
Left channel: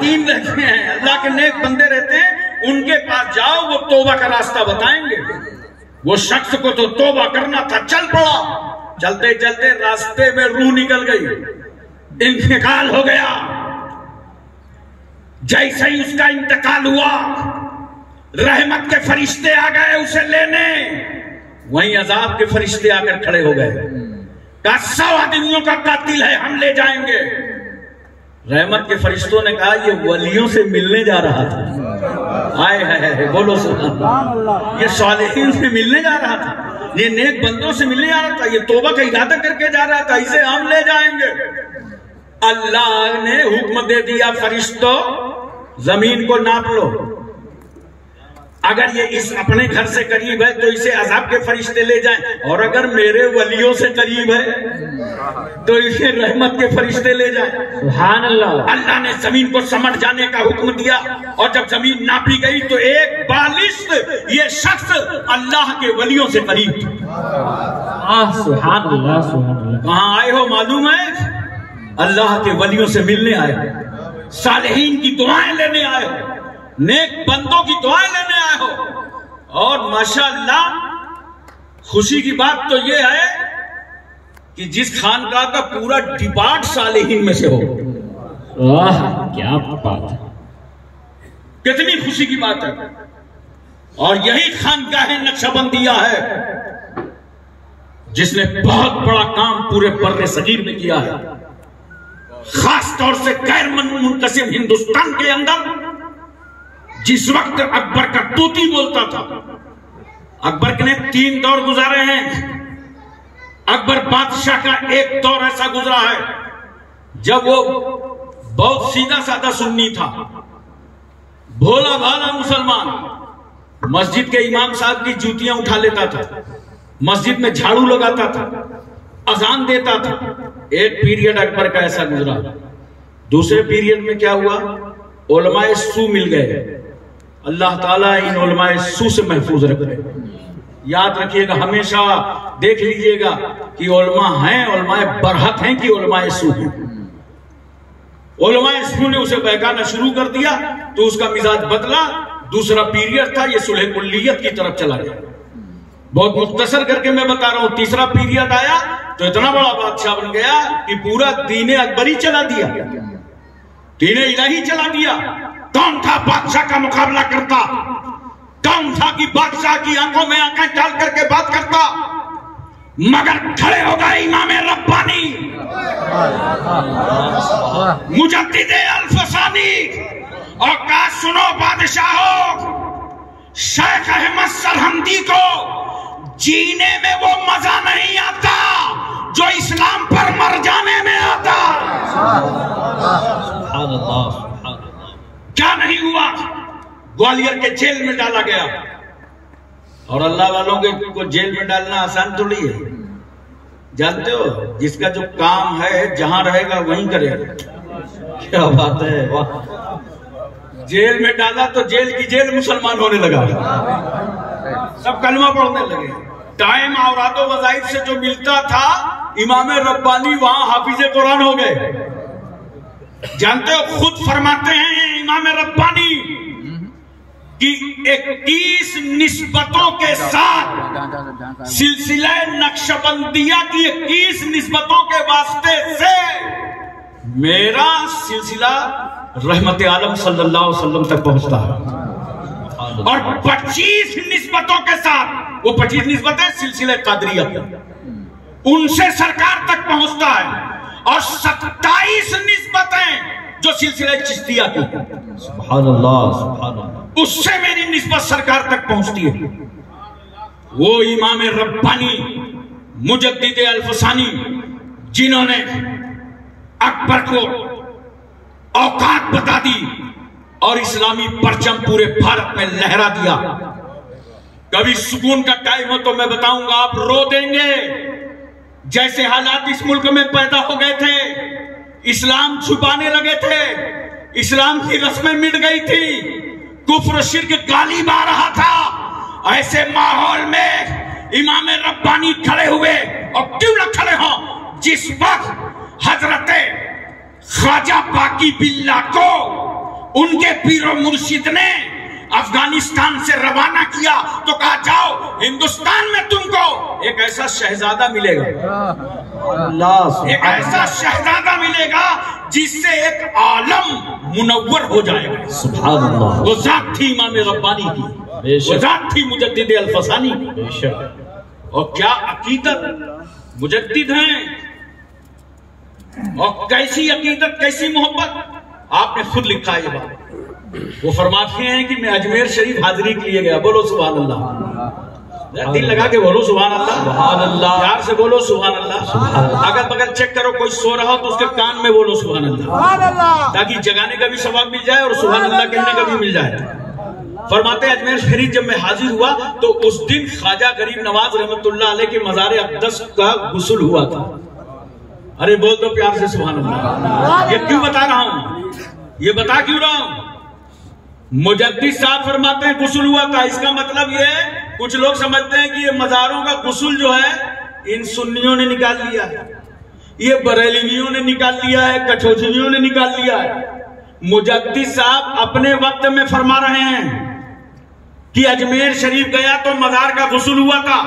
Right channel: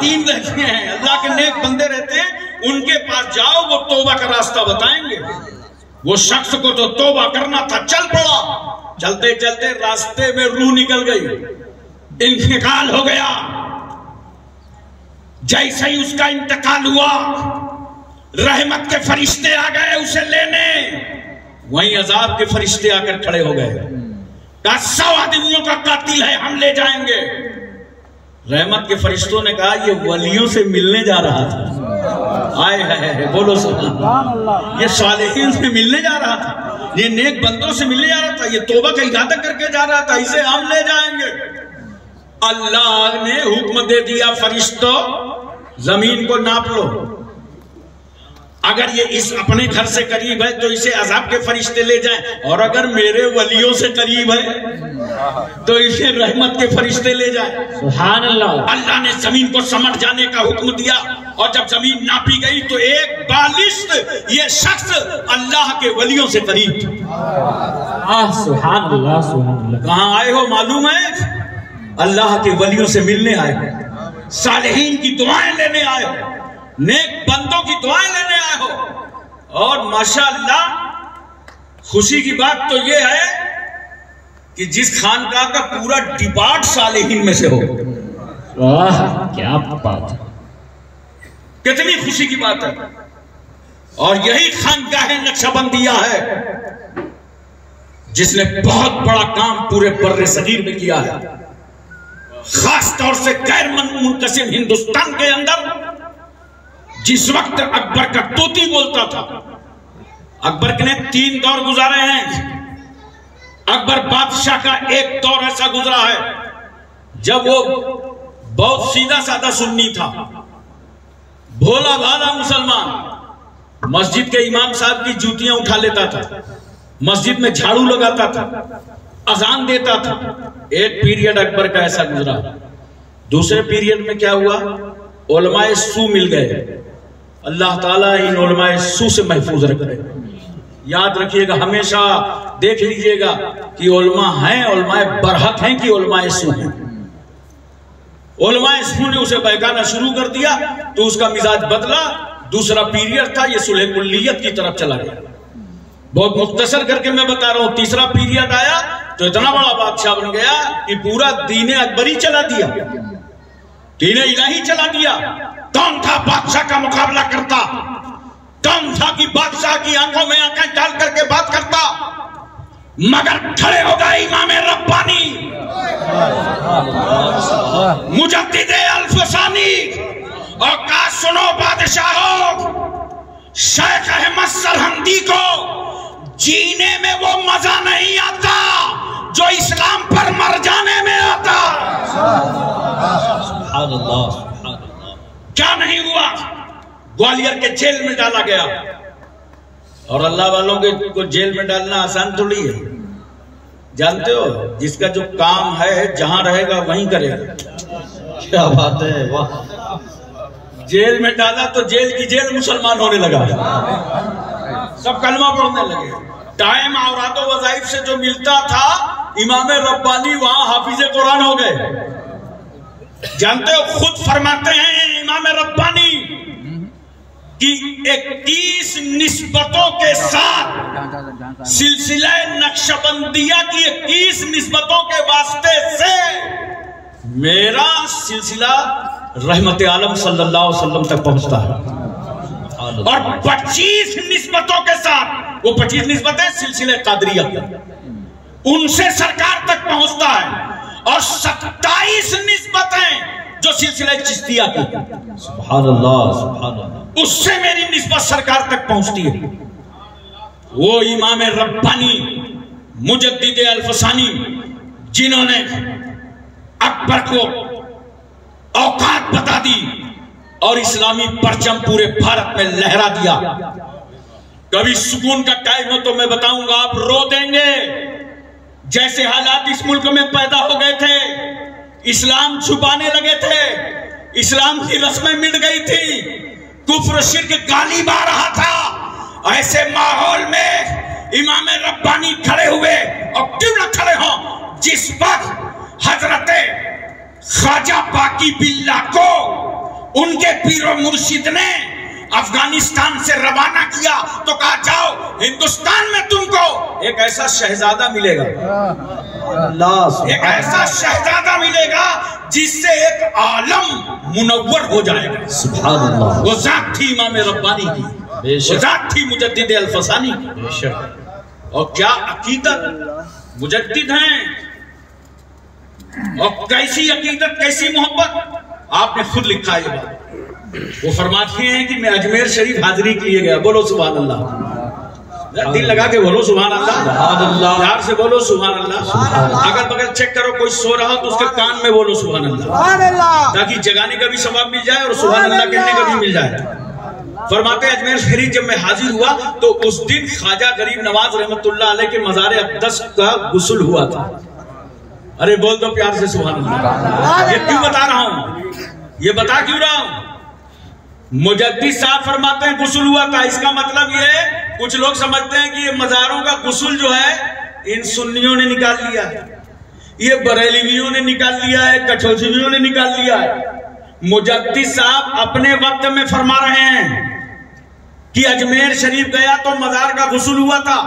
दीन रहते हैं, अल्लाह के नेक बंदे रहते हैं, उनके पास जाओ, वो तौबा का रास्ता बताएंगे। वो शख्स को तो तौबा करना था, चल पड़ा। चलते चलते रास्ते में रूह निकल गई, इंतकाल हो गया। जैसे ही उसका इंतकाल हुआ, रहमत के फरिश्ते आ गए उसे लेने, वहीं अजाब के फरिश्ते आकर खड़े हो गए। कहा 100 आदमियों का कातिल है, हम ले जाएंगे। रहमत के फरिश्तों ने कहा ये वलियों से मिलने जा रहा था। आए है बोलो सुभान अल्लाह। ये सालेहीन से मिलने जा रहा था, ये नेक बंदों से मिलने जा रहा था, ये तौबा का इरादा करके जा रहा था, इसे हम ले जाएंगे। अल्लाह ने हुक्म दे दिया फरिश्तों जमीन को नाप लो, अगर ये इस अपने घर से करीब है तो इसे अजाब के फरिश्ते ले जाएं, और अगर मेरे वलियों से करीब है तो इसे रहमत के फरिश्ते ले जाएं। सुभान अल्लाह। अल्लाह ने जमीन को समट जाने का हुक्म दिया, और जब जमीन नापी गई तो एक बालिश्त ये शख्स अल्लाह के वलियों से करीब। सुभान अल्लाह, सुभान अल्लाह। कहां आए हो मालूम है? अल्लाह के वलियों से मिलने आए। सालिहीन की दुआएं लेने आए हो, नेक बंदों की दुआएं लेने आए हो। और माशाअल्लाह खुशी की बात तो यह है कि जिस खानकाह का पूरा डिपार्ट सालिहीन में से हो। वाह क्या बात है, कितनी खुशी की बात है। और यही खानकाह नक्शबंदिया है जिसने बहुत बड़ा काम पूरे बर्रे सगीर में किया है, खास तौर से गैर मुनकसिम हिंदुस्तान के अंदर। जिस वक्त अकबर का तूती बोलता था, अकबर ने 3 दौर गुजारे हैं। अकबर बादशाह का एक दौर ऐसा गुजरा है जब वो बहुत सीधा साधा सुन्नी था, भोला भाला मुसलमान, मस्जिद के इमाम साहब की जूतियां उठा लेता था, मस्जिद में झाड़ू लगाता था, अजान देता था। एक पीरियड अकबर का ऐसा गुजरा। दूसरे पीरियड में क्या हुआ, उलमाए सू मिल गए। अल्लाह ताला इन उलमाए सू से महफूज रखे। याद रखिएगा, हमेशा देख लीजिएगा कि उलमा हैं, उलमाए बरहक हैं कि उलमाए सू हैं। उलमाए सू ने उसे बहकाना शुरू कर दिया तो उसका मिजाज बदला। दूसरा पीरियड था, ये सुलह कुल्लियत की तरफ चला गया। बहुत मुख्तसर करके मैं बता रहा हूं। तीसरा पीरियड आया तो इतना बड़ा बादशाह बन गया कि पूरा दीने अकबरी चला दिया, दीने इलाही चला दिया। कौन था बादशाह का मुकाबला करता? कौन था कि बादशाह की आंखों में आंखें डाल करके बात करता? मगर खड़े हो गए इमाम रब्बानी मुजद्दिदे अल्फसानी और कहा, सुनो बादशाहों, शेख अहमद सरहंदी को जीने में वो मजा नहीं आता जो इस्लाम पर मर जाने में आता। क्या नहीं हुआ, ग्वालियर के जेल में डाला गया। और अल्लाह वालों को जेल में डालना आसान थोड़ी है। जानते हो, जिसका जो काम है जहां रहेगा वहीं करेगा। क्या बात है, वाह। जेल में डाला तो जेल की जेल मुसलमान होने लगा, सब कलमा पढ़ने लगे। टाइम औरातो वज़ाइफ से जो मिलता था, इमाम रब्बानी वहां हाफिज़े कुरान हो गए। जानते हो, खुद फरमाते हैं इमाम रब्बानी कि 21 निस्बतों के साथ सिलसिला नक्शबंदिया की 21 निस्बतों के वास्ते से मेरा सिलसिला रहमत आलम सल्लल्लाहु अलैहि वसल्लम तक पहुंचता है। और 25 निस्बतों के साथ, वो 25 निस्बतें सिलसिले कादरिया उनसे सरकार तक पहुंचता है। और 27 निस्बतें जो सिलसिला चिश्तिया की, सुभान अल्लाह, सुभान अल्लाह, उससे मेरी निस्बत सरकार तक पहुंचती है। वो इमाम रब्बानी मुजद्दिद अल्फसानी जिन्होंने अकबर को औकात बता दी और इस्लामी परचम पूरे भारत में लहरा दिया। कभी सुकून का टाइम हो तो मैं बताऊंगा, आप रो देंगे। जैसे हालात इस मुल्क में पैदा हो गए थे, इस्लाम छुपाने लगे थे, इस्लाम की रस्में मिट गई थी, कुफ्र शिर्क गालिब आ रहा था, ऐसे माहौल में इमाम रब्बानी खड़े हुए। और क्यों न खड़े हो, जिस वक्त हजरत ख्वाजा बाकी बिल्ला को उनके पीरो मुर्शिद ने अफगानिस्तान से रवाना किया तो कहा, जाओ हिंदुस्तान में तुमको एक ऐसा शहजादा मिलेगा, एक ऐसा शहजादा मिलेगा जिससे एक आलम मुनव्वर हो जाएगा। सुभान अल्लाह। वो जात थी इमाम रब्बानी की, वो जात थी मुजद्दिद अल्फसानी। और क्या अकीदत मुजद्दिद हैं, और कैसी अकीदत, कैसी मोहब्बत। आपने खुद लिखा है ये बात। वो फरमाते हैं कि मैं अजमेर शरीफ हाजिरी के लिए गया। बोलो सुभान अल्लाह, दिल लगा के बोलो सुभान अल्लाह, सुभान अल्लाह, प्यार से बोलो सुभान अल्लाह। अगर बगल चेक करो कोई सो रहा हो तो उसके कान में बोलो सुभान अल्लाह, ताकि जगाने का भी सवाब मिल जाए और सुभान अल्लाह कहने का भी मिल जाए। फरमाते अजमेर शरीफ जब मैं हाजिर हुआ तो उस दिन ख्वाजा गरीब नवाज रहमतुल्लाह अलैह के मज़ार अक़दस का गुस्ल हुआ था। अरे बोल दो प्यार से सुभान अल्लाह। ये क्यों बता रहा हूं, ये बता क्यों रहा हूं? मुजद्दिद साहब फरमाते हैं गुस्ल हुआ था, इसका मतलब ये है, कुछ लोग समझते हैं कि ये मज़ारों का गुस्ल जो है इन सुन्नियों ने निकाल लिया है, ये बरेलवियों ने निकाल लिया है, कठौजवियों ने निकाल लिया है। मुजद्दिद साहब अपने वक्त में फरमा रहे हैं कि अजमेर शरीफ गया तो मजार का गुस्ल हुआ था।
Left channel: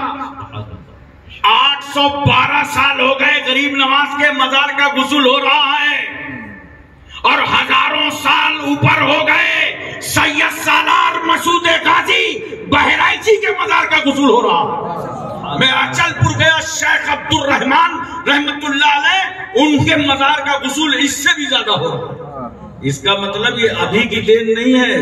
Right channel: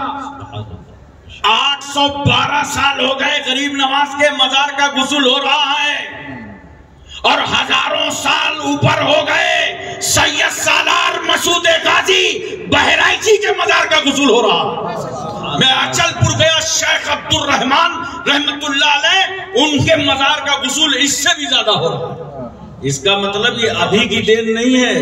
812 साल हो गए गरीब नवाज के मजार का गुस्ल हो रहा है, और हजारों साल ऊपर हो गए सैयद सालार मसूद गाजी बहराइची के मजार का गुस्ल हो रहा। मैं अचलपुर गया, शेख अब्दुल रहमान रहमतुल्लाह अलैह उनके मजार का गुस्ल इससे भी ज्यादा हो रहा। इसका मतलब ये अभी की देन नहीं है,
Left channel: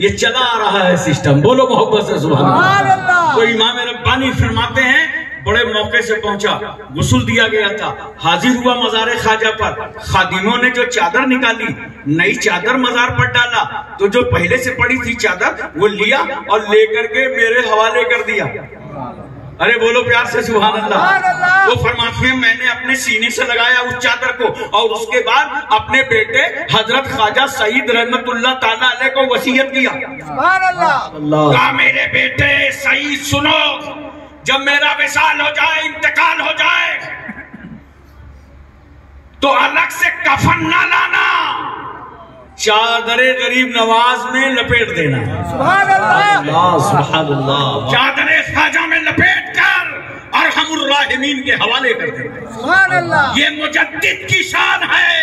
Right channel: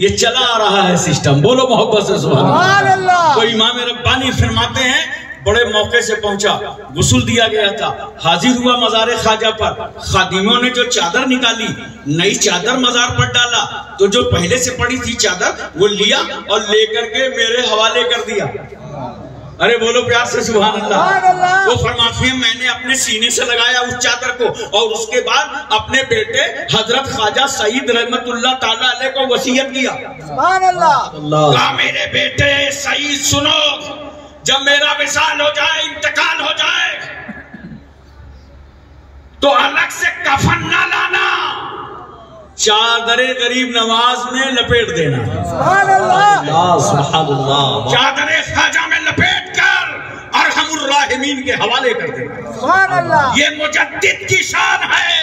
ये चला आ रहा है सिस्टम। बोलो मोहब्बत से सुभान अल्लाह। कोई इमाम रब्बानी फरमाते हैं बड़े मौके से पहुंचा, गुस्ल दिया गया था, हाजिर हुआ मज़ार ख्वाजा पर, खादिमों ने जो चादर निकाली, नई चादर मज़ार पर डाला, तो जो पहले से पड़ी थी चादर वो लिया और लेकर के मेरे हवाले कर दिया। अरे बोलो प्यार से सुभान अल्लाह। वो फरमाते हैं मैंने अपने सीने से लगाया उस चादर को, और उसके बाद अपने बेटे हजरत ख्वाजा सईद रहमतुल्लाह ताला अलैह को वसीयत किया। सुभान अल्लाह। कहा मेरे बेटे सईद सुनो, जब मेरा विसाल हो जाए, इंतकाल हो जाए, तो अलग से कफन ना लाना, चादरे गरीब नवाज में लपेट देना। सुभान अल्लाह, सुभान अल्लाह। चादरे ख्वाजा में लपेट कर और हम राहिमीन के हवाले कर देना। सुभान अल्लाह। ये मुजद्दिद की शान है,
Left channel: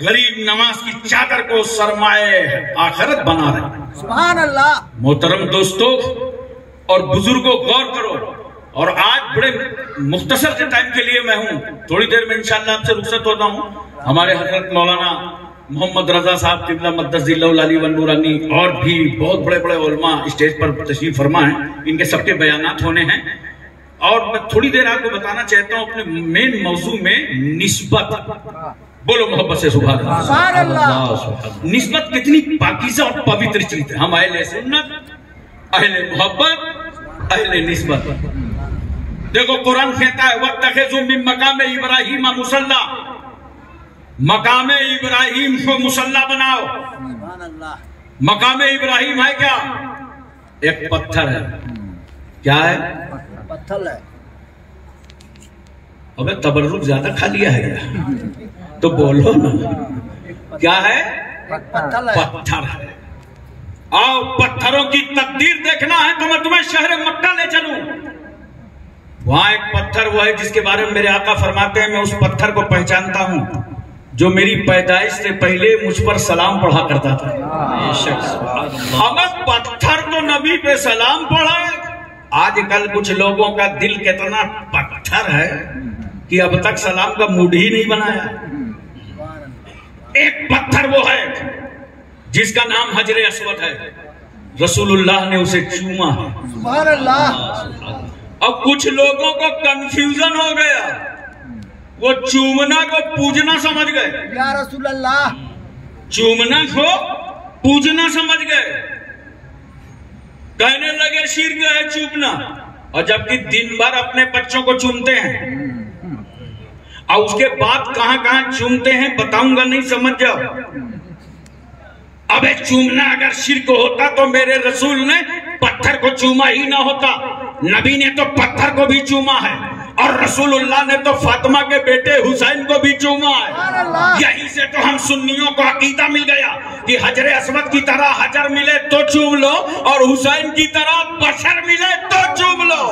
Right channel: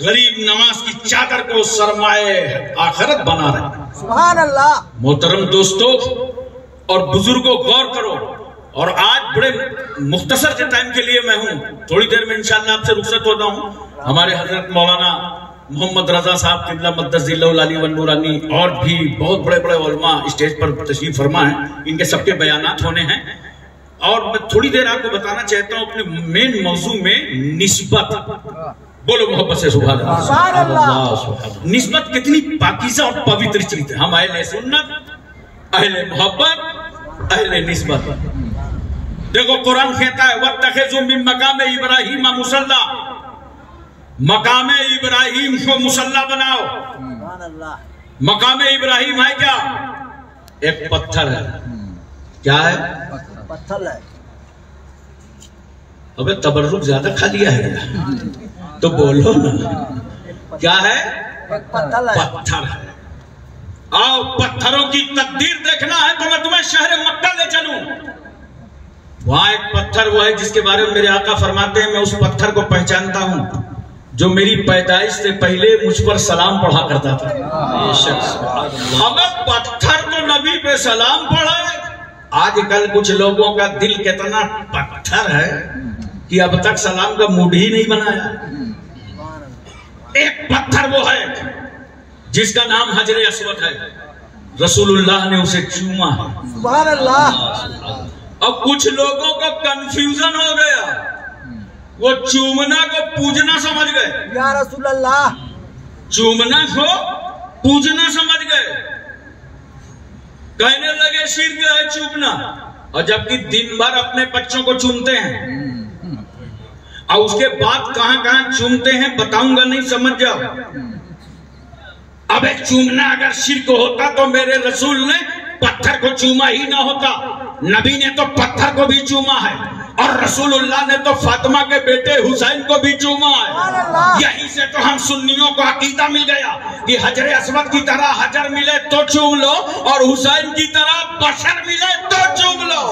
गरीब नवाज की चादर को सरमाए आखिरत बना रहे। सुभान अल्लाह। मोहतरम दोस्तों और बुजुर्गों, गौर करो। और आज बड़े मुख्तसर के टाइम के लिए मैं हूं, थोड़ी देर में इंशाअल्लाह आपसे रुखसत होता हूं। हमारे हजरत मौलाना मोहम्मद रजा साहब किबला मद्दसिल्लाहु अली व नूरानी और भी बहुत बड़े बड़े उलमा स्टेज पर तशरीफ फरमा है, इनके सबके बयानात होने हैं। और मैं थोड़ी देर आपको बताना चाहता हूं अपने मेन मौजू में निस्बत। बोलो मोहब्बत से सुभान अल्लाह। निस्बत कितनी पाकीज़ा और पवित्र चीज है। हम अहले सुन्नत, अहले मोहब्बत, अहले निस्बत। देखो कुरान कहता है वत्तखिज़ू मिन मकाम इब्राहीम मुसल्ला, मकाम इब्राहिम को मुसल्ला बनाओ। मकाम इब्राहिम है क्या? एक पत्थर है। क्या है? पत्थर है। अबे तबर्रुक ज्यादा खा लिया है तो बोलो ना, क्या है? पत्थर है। आओ पत्थरों की तकदीर देखना है तो मैं तुम्हें शहर मक्का ले चलूं। वहां एक पत्थर वो है जिसके बारे में मेरे आका फरमाते हैं मैं उस पत्थर को पहचानता हूं जो मेरी पैदाइश से पहले मुझ पर सलाम पढ़ा करता था। ये शख्स हमें पत्थर तो नबी पे सलाम पढ़ाए। आजकल कुछ लोगों का दिल कितना पत्थर है कि अब तक सलाम का मूड ही नहीं बनाया। एक पत्थर वो है जिसका नाम हजरे अस्वद है, रसूलुल्लाह ने उसे चूमा है। सुभान अल्लाह। अब कुछ लोगों को कंफ्यूजन हो गया, वो चूमना को पूजना समझ गए। या रसूलल्लाह, चूमना को पूजना समझ गए, कहने लगे शिर्क है चूमना। और जबकि दिन भर अपने बच्चों को चूमते हैं और उसके बाद कहां कहां चूमते हैं बताऊंगा, नहीं समझ जाओ। अब एक चूमना अगर शिर्क होता तो मेरे रसूल ने पत्थर को चूमा ही ना होता। नबी ने तो पत्थर को भी चूमा है और रसूलुल्लाह ने तो फातिमा के बेटे हुसैन को भी चूमा है। यहीं से तो हम सुन्नियों को अकीदा मिल गया कि हजरे अस्वद की तरह हजर मिले तो चूम लो और हुसैन की तरह बशर मिले तो चूम लो।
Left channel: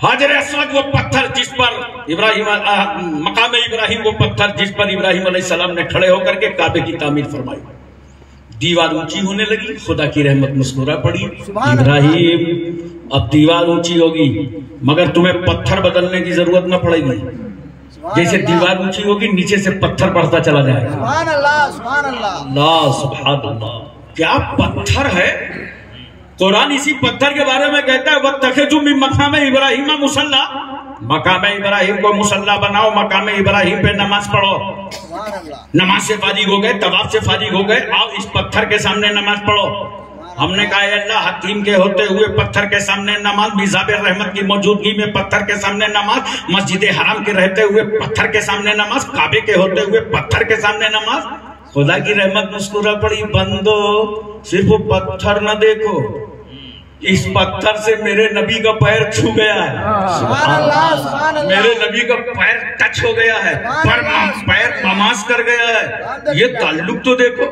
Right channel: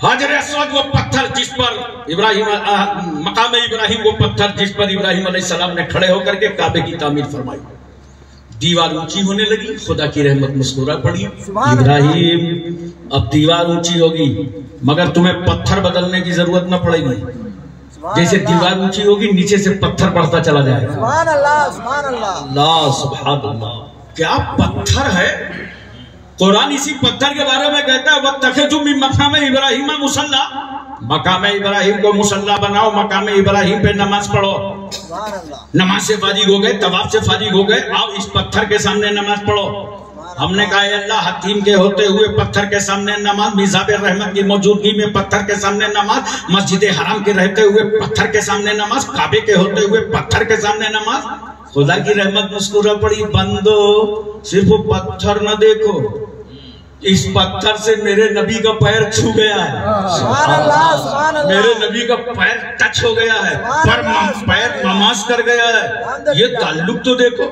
हजरे अस्वद वो पत्थर जिस पर इब्राहिम, मकाम इब्राहिम वो पत्थर जिस पर इब्राहिम अलैहिस्सलाम ने खड़े होकर के काबे की तामीर फरमाई। दीवार ऊंची होने लगी, खुदा की रहमत मुस्कुरा पड़ी। इब्राहिम अब दीवार ऊंची होगी मगर तुम्हें पत्थर बदलने की जरूरत न पड़ेगी। जैसे दीवार ऊंची होगी नीचे से पत्थर बढ़ता चला जाएगा। सुभान अल्लाह, सुभान अल्लाह, सुभान अल्लाह। क्या पत्थर है। कुरान इसी पत्थर के बारे में कहता है वत्तखिज़ू मिन मकाम इब्राहीम मुसल्ला, मकाम इब्राहिम को मुसल्ला बनाओ, मकाम इब्राहिम पे नमाज पढ़ो। नमाज से फारिग हो गए, तवाफ से फारिग हो गए, आओ इस पत्थर के सामने नमाज पढ़ो। हमने कहा अल्लाह हकीम के होते हुए पत्थर के सामने नमाज, मिज़ाब रहमत की मौजूदगी में पत्थर के सामने नमाज, मस्जिद हराम के रहते हुए पत्थर के सामने नमाज, काबे के होते हुए पत्थर के सामने नमाज। खुदा की रहमत मुस्कुरा पड़ी, बंदो सिर्फ वो पत्थर न देखो, इस पत्थर से मेरे नबी का पैर छू गया है, मेरे नबी का पैर टच हो गया है, पैर नमाज कर गया है। ये ताल्लुक तो देखो,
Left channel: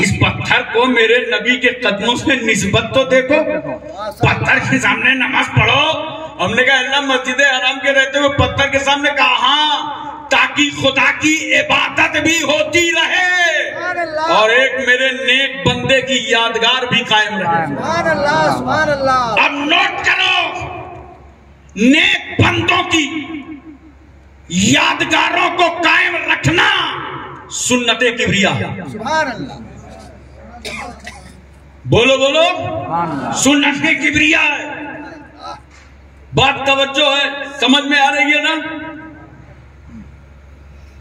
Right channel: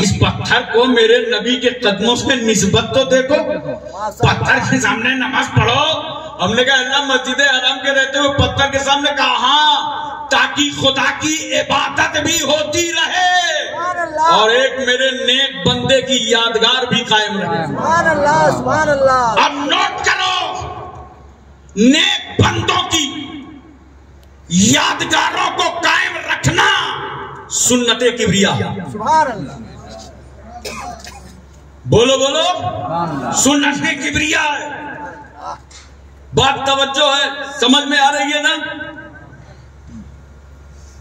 इस पत्थर को मेरे नबी के कदमों से निस्बत तो देखो। पत्थर के सामने नमाज पढ़ो। हमने कहा अल्लाह मस्जिद हराम के रहते हुए पत्थर के सामने कहा हाँ, ताकि खुदा की इबादत भी होती रहे और एक मेरे नेक बंदे की यादगार भी कायम रहे। अब नोट करो, नेक बंदों की यादगारों को कायम रखना सुन्नते किबरिया है। बोलो बोलो, सुन्नते किबरिया है। बात तवज्जो है, समझ में आ रही है ना?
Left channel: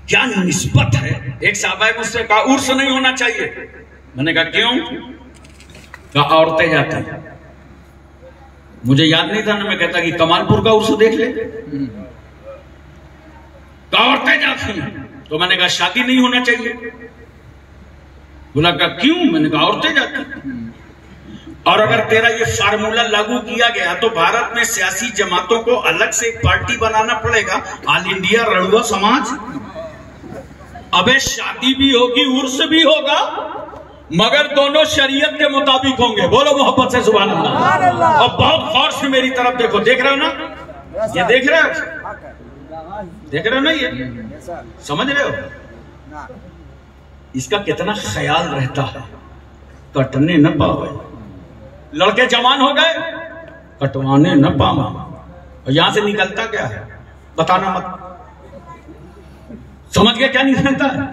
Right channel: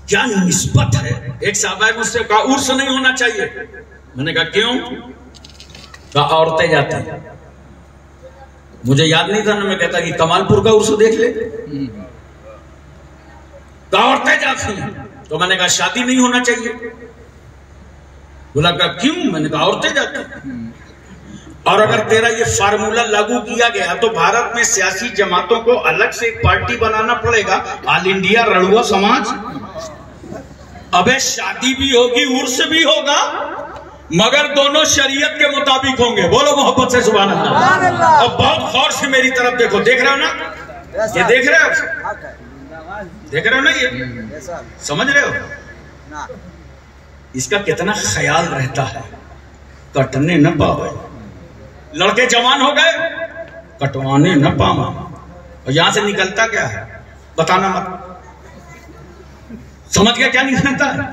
क्या निस्बत है। एक साहबा मुझसे कहा उर्स नहीं होना चाहिए। मैंने कहा क्यों? कहा औरतें जाती हैं। मुझे याद नहीं था ना, मैं कहता कि कमालपुर का उर्स देख ले। कहा औरतें जाती हैं। तो मैंने कहा शादी नहीं होना चाहिए। बोला कहा क्यों? मैंने कहा औरतें जाती हैं। और अगर तेरा ये फार्मूला लागू किया गया तो भारत में सियासी जमातों को अलग से एक पार्टी बनाना पड़ेगा, ऑल इंडिया रड़ुआ समाज। अबे शादी भी होगी, उर्स भी होगा, मगर दोनों शरीयत के मुताबिक होंगे। बोलो मोहब्बत से सुभान अल्लाह। अब बहुत गौर से मेरी तरफ देखो। देख रहे हो ना? ये देख रहे हो? देख रहे हो ना? ये समझ रहे हो? इसका कितना ख्याल रहता है, कटने न पावे। लड़के जवान हो गए, कटवाने न पावा। और यहां से निकलता क्या है बताना मत। समझ गया क्या निकलता है?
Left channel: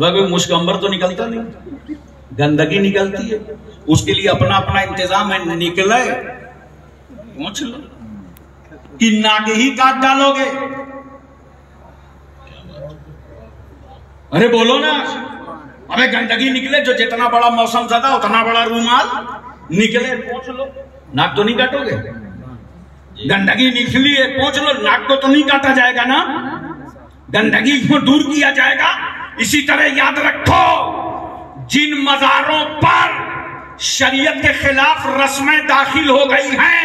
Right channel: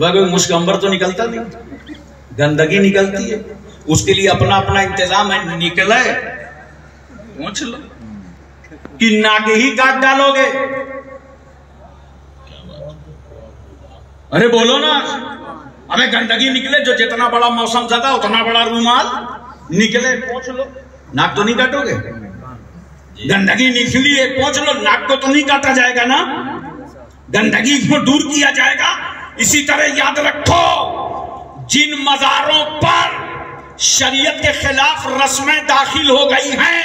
वह मुश्क अंबर तो निकलता नहीं, गंदगी निकलती है। उसके लिए अपना अपना इंतजाम है। निकले पूछ लो कि नाके ही काट डालोगे। अरे बोलो ना, अबे गंदगी निकले, जो जितना बड़ा मौसम ज्यादा उतना बड़ा रूमाल निकले, पहुंच लो। नाक तो नहीं काटोगे? गंदगी निकली है, पहुंच लो। नाक को तो नहीं काटा जाएगा ना, गंदगी को दूर किया जाएगा। इसी तरह याद रखो, जिन मज़ारों पर शरीयत के खिलाफ रस्में दाखिल हो गई हैं,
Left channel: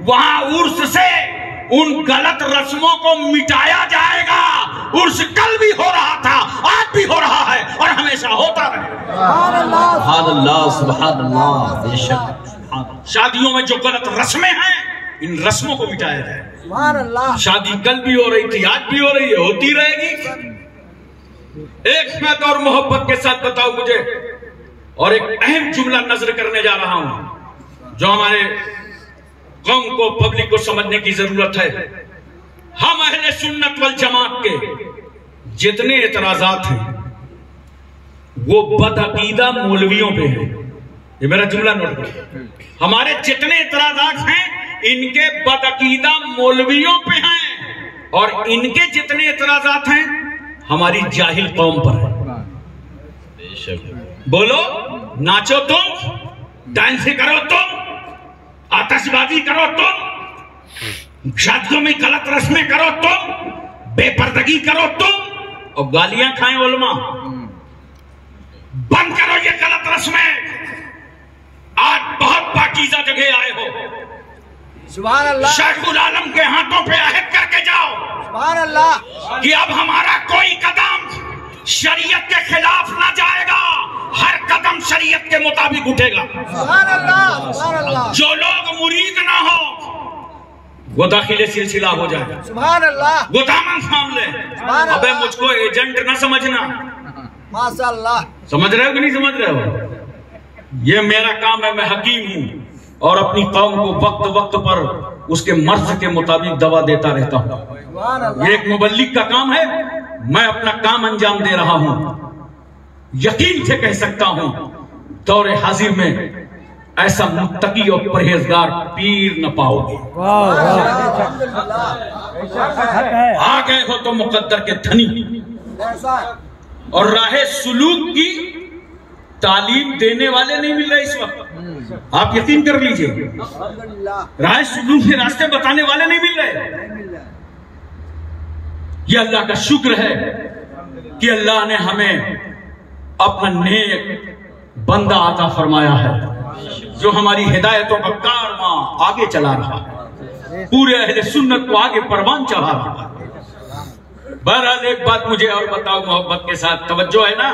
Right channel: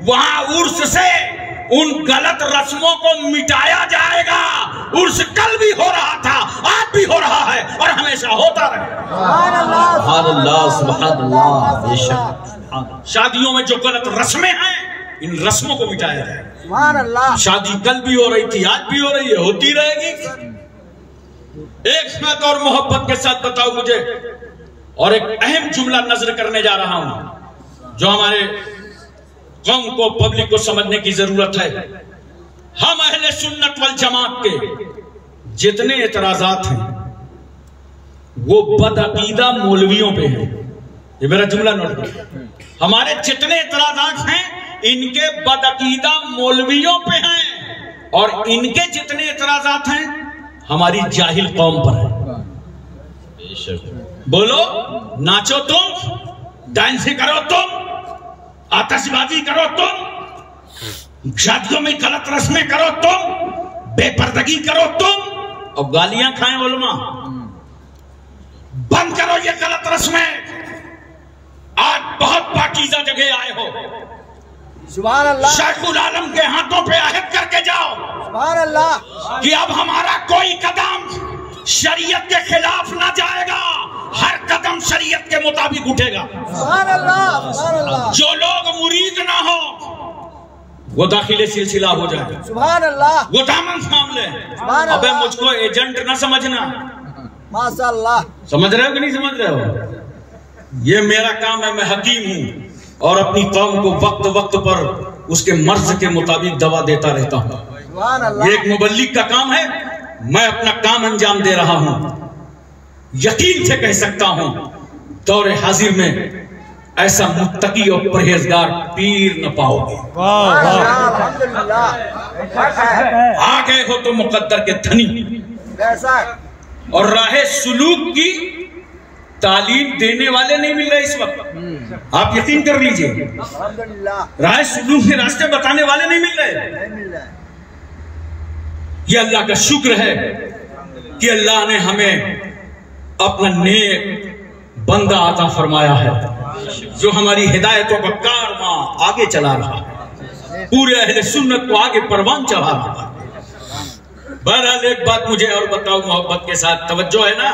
वहां उर्स से उन गलत रस्मों को मिटाया जाएगा। उर्स कल भी हो रहा था, आज भी हो रहा है और हमेशा होता रहेगा। शादियों में जो गलत रस्में हैं, इन रस्मों को मिटाया जाए। शादी कल भी हो रही थी, आज भी हो रही है, होती रहेगी। एक बात और मोहब्बत के साथ बताओ मुझे, और एक अहम जुमला नजर करने जा रहा हूं जो हमारे कौम को, पब्लिक को समझने की जरूरत है। हम अहले सुन्नत वल जमात के जितने एतराजात हैं वो बदअकीदा मौलवियों पे हैं। ये मेरा जुमला नोट करो। हमारे जितने एतराजात हैं इनके बदअकीदा मौलवियों पे हैं, और इनके जितने एतराजात हैं हमारी जाहिल कौम पर है। बोलो, नाचो तुम, डांस करो तुम, आतिशबाजी करो तुम, शादियों में गलत रस्में करो तुम, बेपर्दगी करो तुम, और गालियां खाएं उलमा। बंद करो ये गलत रस्में। आज बहुत पाकीज़ा जगह आए हो, सुभान अल्लाह। शेखुल आलम के हाथों पे अहद करके जाओ, सुभान अल्लाह, कि अब हमारा कोई कदम शरीयत के खिलाफ ना जाएगा, हर कदम शरीयत के मुताबिक उठेगा। सुभान अल्लाह, सुभान अल्लाह। जो लोग मुरीद ना हो वो दाखिले सिलसिला हो जाएगा, सुभान अल्लाह, वो दामन थाम ले। अबे मुझको एजेंट ना समझना। माशाअल्लाह। समझ रहे हो कि नहीं समझ रहे हो? ये मेरा काम है, मैं हकीम हूं और अपनी कौम को वक्त वक्त पर उसके मर्ज के मुताबिक दवा देता रहता हूं। ये एक मुबल्लिग का काम है, मैं अपना काम अंजाम दे रहा हूं। यकीन से कह सकता हूं, दौरे हाजिर में ऐसा मुत्तकी और परहेजगार पीर न पाओगे। आ गए हो तो मुकद्दर के धनी, और राहे सुलूक की तालीम देने वाले नहीं मिल रहे इस वक्त। आप यकीन कर लीजिए, राहे सुलूक के रास्ते बताने वाले नहीं मिल रहे। ये अल्लाह का शुक्र है कि अल्लाह ने हमें अपना नेक बंदा अता फरमाया है जो हमारी हिदायतों का कारवां आगे चला रहा है, पूरे अहले सुन्नत को आगे परवान चढ़ा रहा है। बहरहाल एक बात मुझे और बताओ मोहब्बत के साथ, तवज्जो है ना?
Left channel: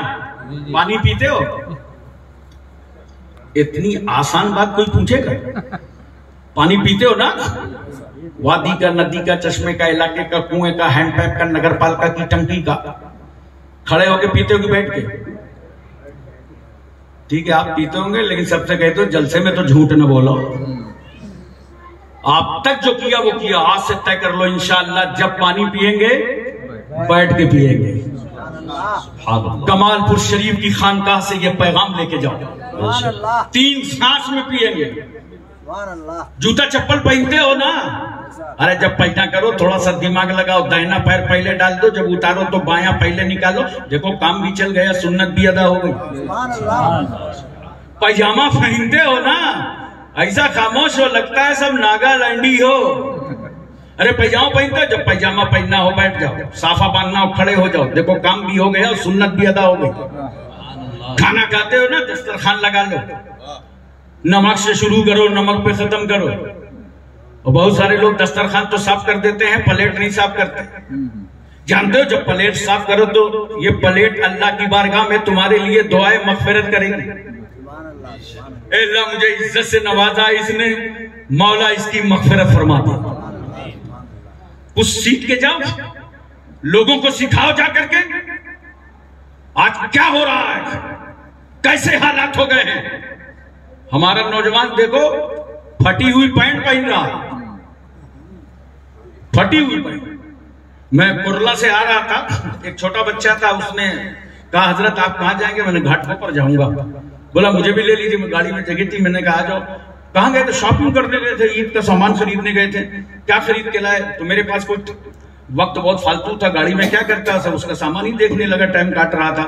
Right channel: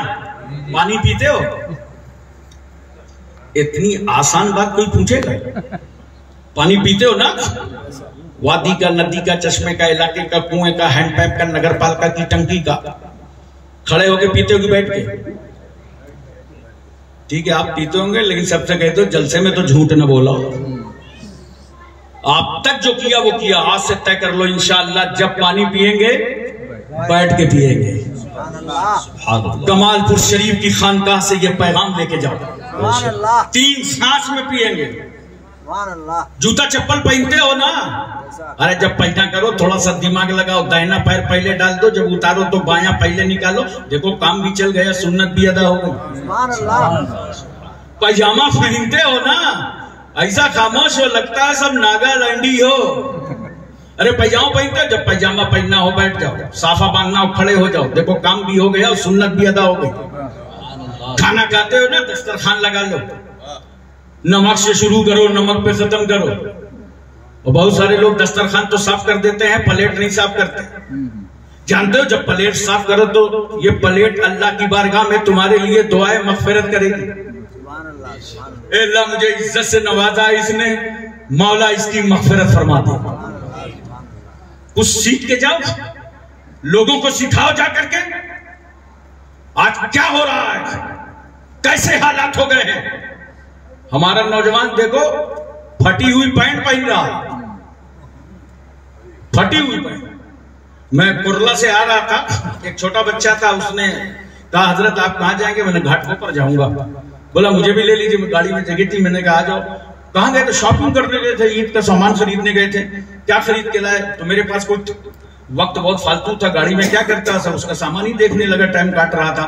पानी पीते हो? इतनी आसान बात कोई पूछेगा? पानी पीते हो ना? वादी का, नदी का, चश्मे का, इलाके का, कुएं का, हैंडपैप का, नगर पालिका की टंकी का, खड़े होके पीते हो कि बैठ के? ठीक है, आप पीते होंगे, लेकिन सबसे कहते हो जलसे में तो झूठ न बोलो। आप तक जो किया वो किया, आज से तय कर लो इंशाअल्लाह जब पानी पिएंगे बैठ के पिएंगे। कमालपुर शरीफ की खानकाह से ये पैगाम लेके जाओ, 3 सांस में पिएंगे। जूता चप्पल पहनते हो ना? अरे जब पहना करो थोड़ा सा दिमाग लगाओ, दाहिना पैर पहले डाल दो, जब उतारो तो बायां पहले निकालो। देखो काम भी चल गया, सुन्नत भी अदा हो गई। पैजामा पहनते हो ना? ऐसा खामोश हो लगता है सब नागालैंडी हो। अरे पैजामा पहनते हो, जब पैजामा पहनना हो बैठ जाओ, साफा बांधना हो खड़े हो जाओ। देखो काम भी हो गया और सुन्नत भी अदा हो गई। खाना खाते हो ना, दस्तरखान लगा लो, नमक से शुरू करो, नमक पे खत्म करो। और बहुत सारे लोग दस्तरखान तो साफ कर देते हैं, प्लेट नहीं साफ करते। जानते हो जब प्लेट साफ करो तो ये प्लेट अल्लाह की बारगाह में तुम्हारे लिए दुआए मगफिरत करेगी। अल्लाह मुझे इज्जत से नवाजा इसने, मौला इसकी मगफिरत फरमा दे। कुछ सीख के जाओ, लोगों को सिखाओ जा करके आज क्या हो रहा है, कैसे हालात हो गए हैं। हमारा नौजवान देखो फटी हुई पैंट पहन रहा है, फटी हुई पैंट। मैं कुरला से आ रहा था, एक छोटा बच्चा था, उसने कहा हजरत आप कहाँ जाएंगे? मैंने घाटों पर जाऊंगा। बोला मुझे भी ले लीजिए, मैं गाड़ी में जगह थी। मैंने कहा आ जाओ। कहाँ गए थे? शॉपिंग करने गए थे, ईद का सामान खरीदने गए थे। क्या खरीद के लाए? तो मेरे पास कोई वक्त बहुत फालतू था, गाड़ी में क्या करता सब उसका सामान ही देखने लगा, टाइम काट रहा था।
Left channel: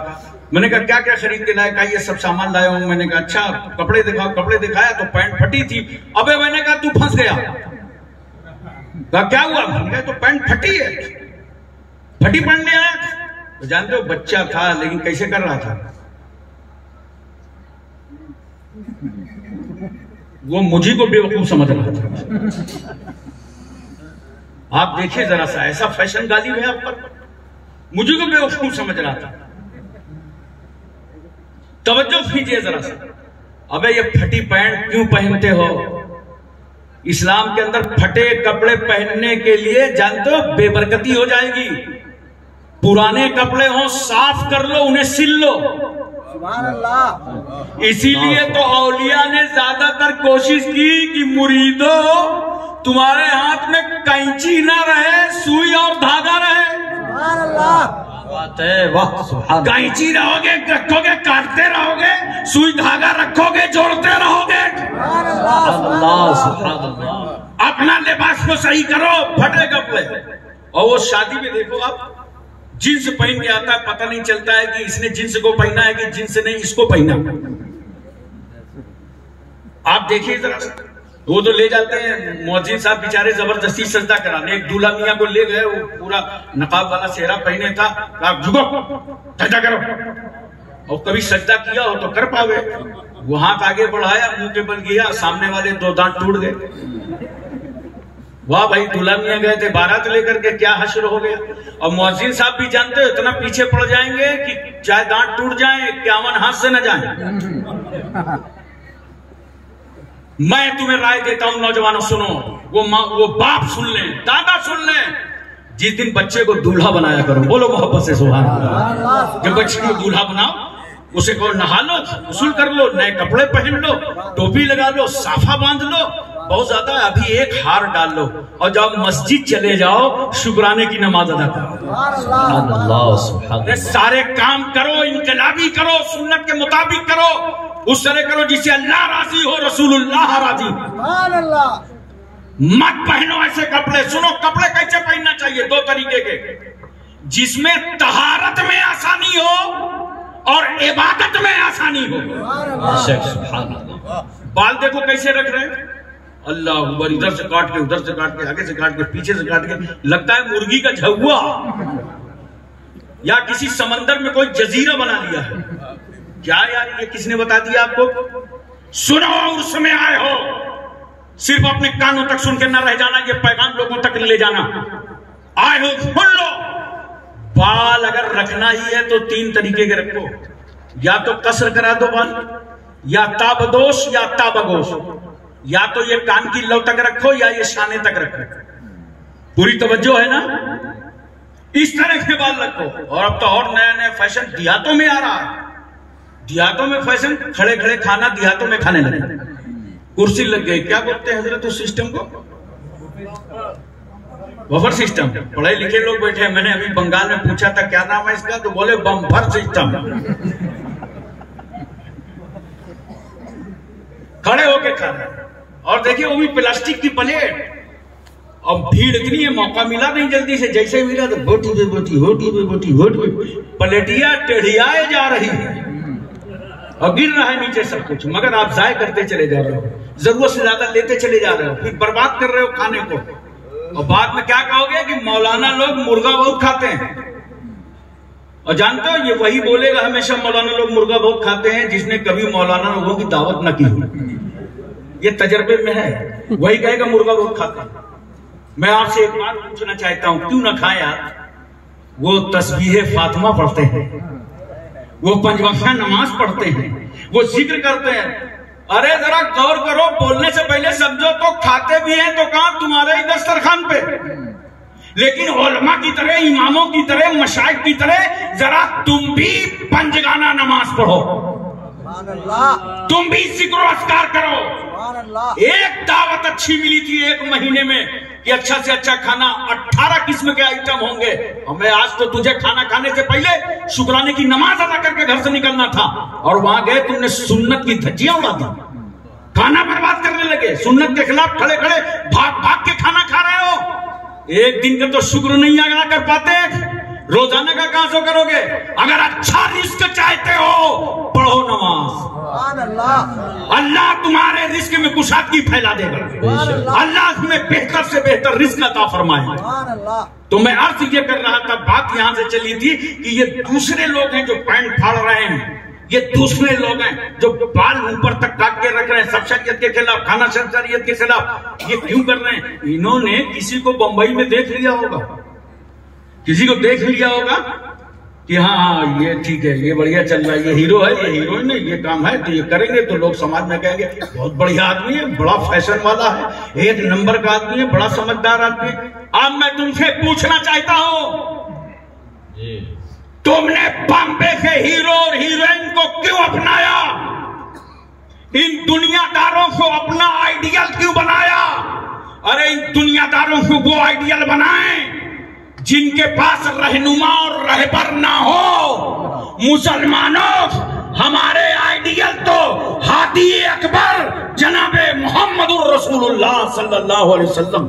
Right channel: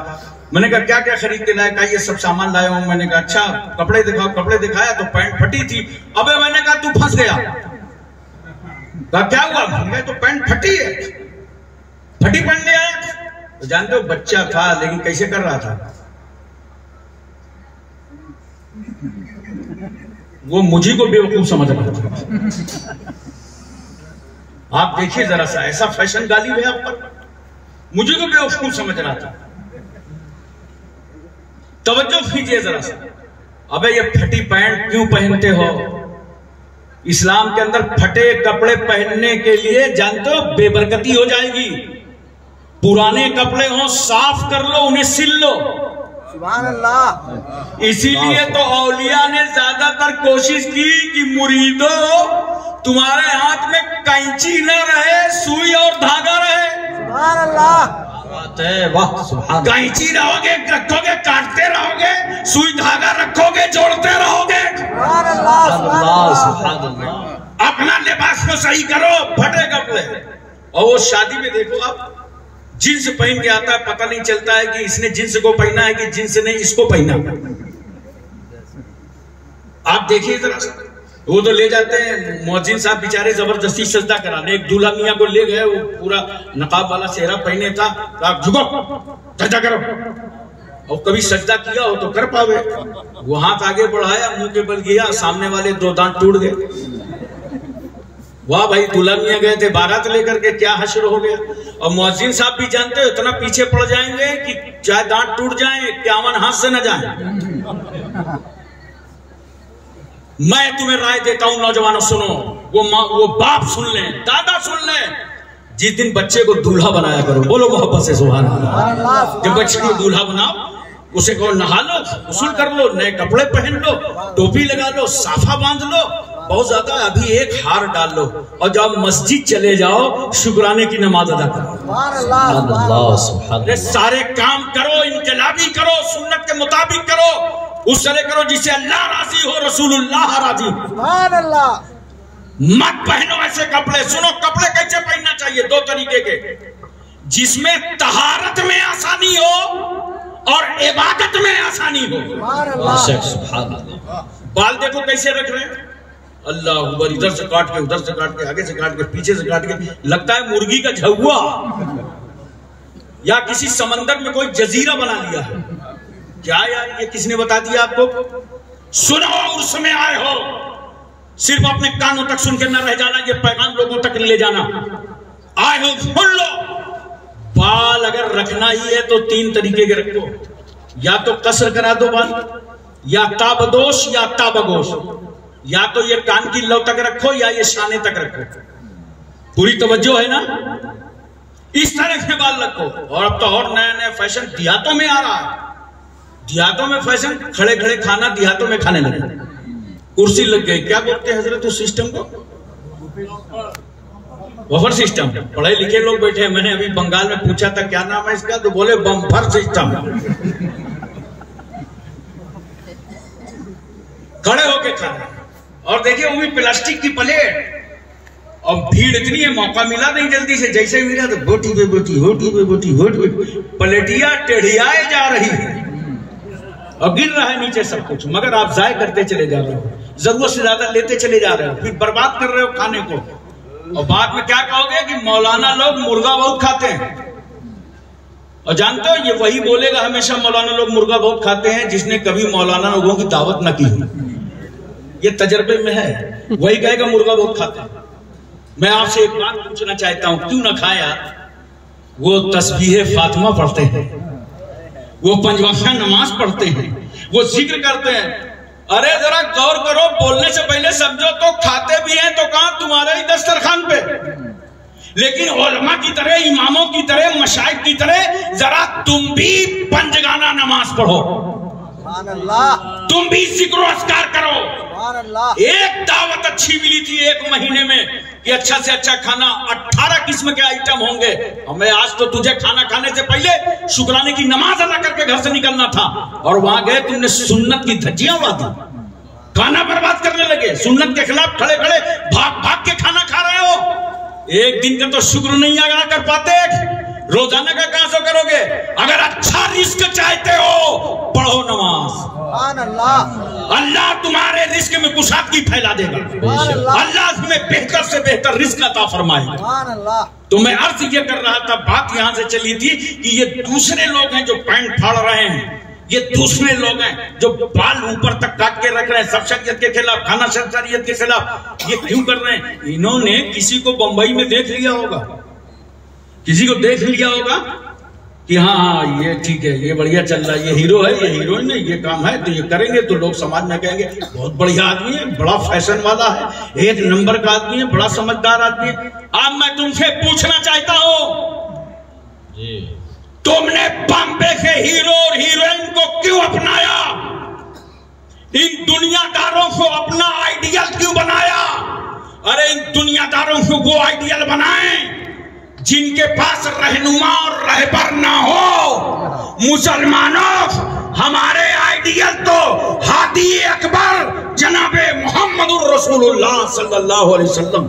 मैंने कहा क्या क्या खरीद के लाया? कहा ये सब सामान लाया हूं। मैंने कहा अच्छा कपड़े दिखाओ। कपड़े दिखाया तो पैंट फटी थी। अबे मैंने कहा तू फंस गया। कहा क्या हुआ? मैंने कहा तो पैंट फटी है, फटी पैंट ले आया। तो जानते हो बच्चा था लेकिन कैसे कर रहा था वो? मुझे को बेवकूफ समझ रहा था। आप देखिए जरा सा, ऐसा फैशन गालिब है आप पर, मुझे को बेवकूफ समझ रहा था। तवज्जो कीजिए जरा सा। अबे ये फटी पैंट क्यों पहनते हो? इस्लाम के अंदर फटे कपड़े पहनने के लिए जानते हो बेबरकती हो जाएगी। पुराने कपड़े हो साफ कर लो, उन्हें सिल लो। सुभान अल्लाह। इसीलिए तो औलिया ने ज्यादातर कोशिश की कि मुरीदो तुम्हारे हाथ में कैंची ना रहे, सुई और धागा रहे। सुभान अल्लाह। वाह सुभान। कैंची रहोगे, रखोगे, काटते रहोगे, सुई धागा रखोगे, जोड़ते रहोगे। सुभान अल्लाह। अल्लाह सुभान अल्लाह। अपना लिबास को सही करो, फटे कपड़े। और वो शादी में देखो आप, जींस पहन के आता है, पता नहीं चलता है कि इसने जींस को पहना है कि जींस ने इसको पहना। आप देखिए जरा, वो तो ले जाते हैं मुअज्जिन साहब बेचारे, जबरदस्ती सजदा कराने। एक दूल्हा मियां को ले गए, वो पूरा नकाब वाला सेहरा पहने था, आप झुको सजदा करो। और कभी सजदा किया हो तो कर पावे। वो हाथ आगे बढ़ाया, मुंह के बल गया, सामने वाले 2 दांत टूट गए। वाह भाई, दूल्हा मियां गए थे बारात लेकर के, क्या हश्र हो गया। और मुअज्जिन साहब भी जानते हो इतना पीछे पड़ जाएंगे कि चाहे दांत टूट जाए, 51 हाथ से न जाए। मैं तुम्हें राय देता हूं नौजवानों, सुनो, वो बाप सुन लें, दादा सुन लें, जिस दिन बच्चे को दूल्हा बनाया करो, बोलो मोहब्बत से सुभान अल्लाह। जब बच्चे को दूल्हा बनाओ, उसे कहो नहा लो, गुस्ल कर लो, नए कपड़े पहन लो, टोपी लगा लो, साफा बांध लो, बहुत ज्यादा अभी एक हार डाल लो, और जब मस्जिद चले जाओ शुक्राने की नमाज अदा करो। सारे काम करो, इनकलाबी करो, सुन्नत के मुताबिक करो, उस तरह करो जिससे अल्लाह राजी हो, रसूलुल्लाह राजी हो। मत पहनो ऐसे कपड़े। सुनो, कपड़े कैसे पहनना चाहिए? 2 तरीके के, जिसमें तहारत में आसानी हो और इबादत में आसानी हो। बाल देखो कैसे रख रहे हैं, अल्लाह अकबर, इधर से काट के, उधर से काट के, आगे से काट के, पीछे से काट के, लगता है मुर्गी का झुआ या किसी समंदर में कोई जजीरा बना लिया है। क्या यार, ये किसने बता दिया आपको? सुनो, उस समय आए हो, सिर्फ अपने कानों तक सुन के न रह जाना, ये पैगाम लोगों तक ले जाना। आए हो, सुन लो। बाल अगर रखना ही है तो 3 तरीके के रखो, या तो कसर करा दो बाल, या ताबदोश या ताबगोश, या तो ये कान की लौ तक रखो या ये शाने तक रखो। पूरी तवज्जो है ना? इस तरह के बाल रखो। और अब तो और नया नया फैशन देहातों में आ रहा है। देहातों में फैशन, खड़े खड़े खाना देहातों में खाने लगे, कुर्सी लग गई, क्या बोलते हैं हजरत उस सिस्टम को? Buffer system. पढ़े लिखे लोग बैठे। मैंने अभी बंगाल में पूछा था क्या नाम है इसका, तो बोले बम्फर सिस्टम। खड़े होके खाना, और देखिए वो भी प्लास्टिक की प्लेट। और भीड़ इतनी है, मौका मिला नहीं जल्दी से, जैसे मिला तो बोटी पे बोटी, होटी पे बोटी, होट पे प्लेटिया टेढ़ियाए जा रही है और गिर रहा है नीचे सब कुछ, मगर आप जाय करते चले जा रहे हो, जरूरत से ज्यादा लेते चले जा रहे हो, फिर बर्बाद कर रहे हो खाने को। और बाद में क्या कहोगे कि मौलाना लोग मुर्गा बहुत खाते हैं। और जानते हो, ये वही बोलेगा हमेशा मौलाना लोग मुर्गा बहुत खाते हैं जिसने कभी मौलाना लोगों की दावत न की हो। ये तजर्बे में है, वही कहेगा मुर्गा बहुत खाते हैं। मैं आपसे एक बात पूछना चाहता हूं, क्यों ना खाए आप? वो तस्बीह फातिमा पढ़ते हैं, वो 5 वक्त नमाज पढ़ते हैं, वो जिक्र करते हैं। अरे जरा गौर करो, बोलने से पहले समझो तो खाते भी हैं तो कहां तुम्हारे ही दस्तरखान पे। लेकिन उलमा की तरह, इमामों की तरह, मशाइख की तरह जरा तुम भी पंजगाना नमाज पढ़ो, तुम भी जिक्र अस्कार करो। एक दावत अच्छी मिली थी 1 महीने में कि अच्छा से अच्छा खाना, 18 किस्म के आइटम होंगे। हमें आज तो तुझे खाना खाने से पहले शुक्राने की नमाज अदा करके घर से निकलना था, और वहां गए तुमने सुन्नत की धज्जियां उड़ा दी, खाना बर्बाद करने लगे। सुन्नत के खिलाफ खड़े खड़े भाग भाग के खाना खा रहे हो। एक दिन का तो शुक्र नहीं अदा कर पाते, रोजाना का कहां से करोगे? अगर अच्छा रिस्क चाहते हो, पढ़ो नमाज। अल्लाह तुम्हारे रिस्क में कुशादगी फैला देगा, अल्लाह तुम्हें बेहतर से बेहतर रिस्क अता फरमाएगा। तो मैं अर्ज ये कर रहा था, बात यहां से चली थी कि ये दूसरे लोग हैं जो पैंट फाड़ रहे हैं, ये दूसरे लोग हैं जो बाल ऊपर तक काट के रख रहे हैं, सब शरीयत के खिलाफ, खाना शरीयत के खिलाफ। ये क्यों कर रहे हैं? इन्होंने किसी को बंबई में देख लिया होगा, किसी को देख लिया होगा कि हाँ ये ठीक है, ये बढ़िया चल रहा है, ये हीरो है, ये हीरोइन है, ये काम है, तो ये करेंगे तो लोग समाज में कहेंगे बहुत बढ़िया आदमी है, बड़ा फैशन वाला है, 1 नंबर का आदमी है, बड़ा समझदार आदमी है। अब मैं तुमसे पूछना चाहता हूं, तुमने बॉम्बे के हीरो और हीरोइन को क्यों अपनाया? इन दुनियादारों को अपना आइडियल क्यों बनाया? अरे इन दुनियादारों को वो आइडियल बनाएं जिनके पास रहनुमा और रहबर ना हो। मुसलमानों, हमारे आइडियल तो हादी अकबर जनाबे मोहम्मदुर रसूलुल्लाह सल्लल्लाहु अलैहि वसल्लम।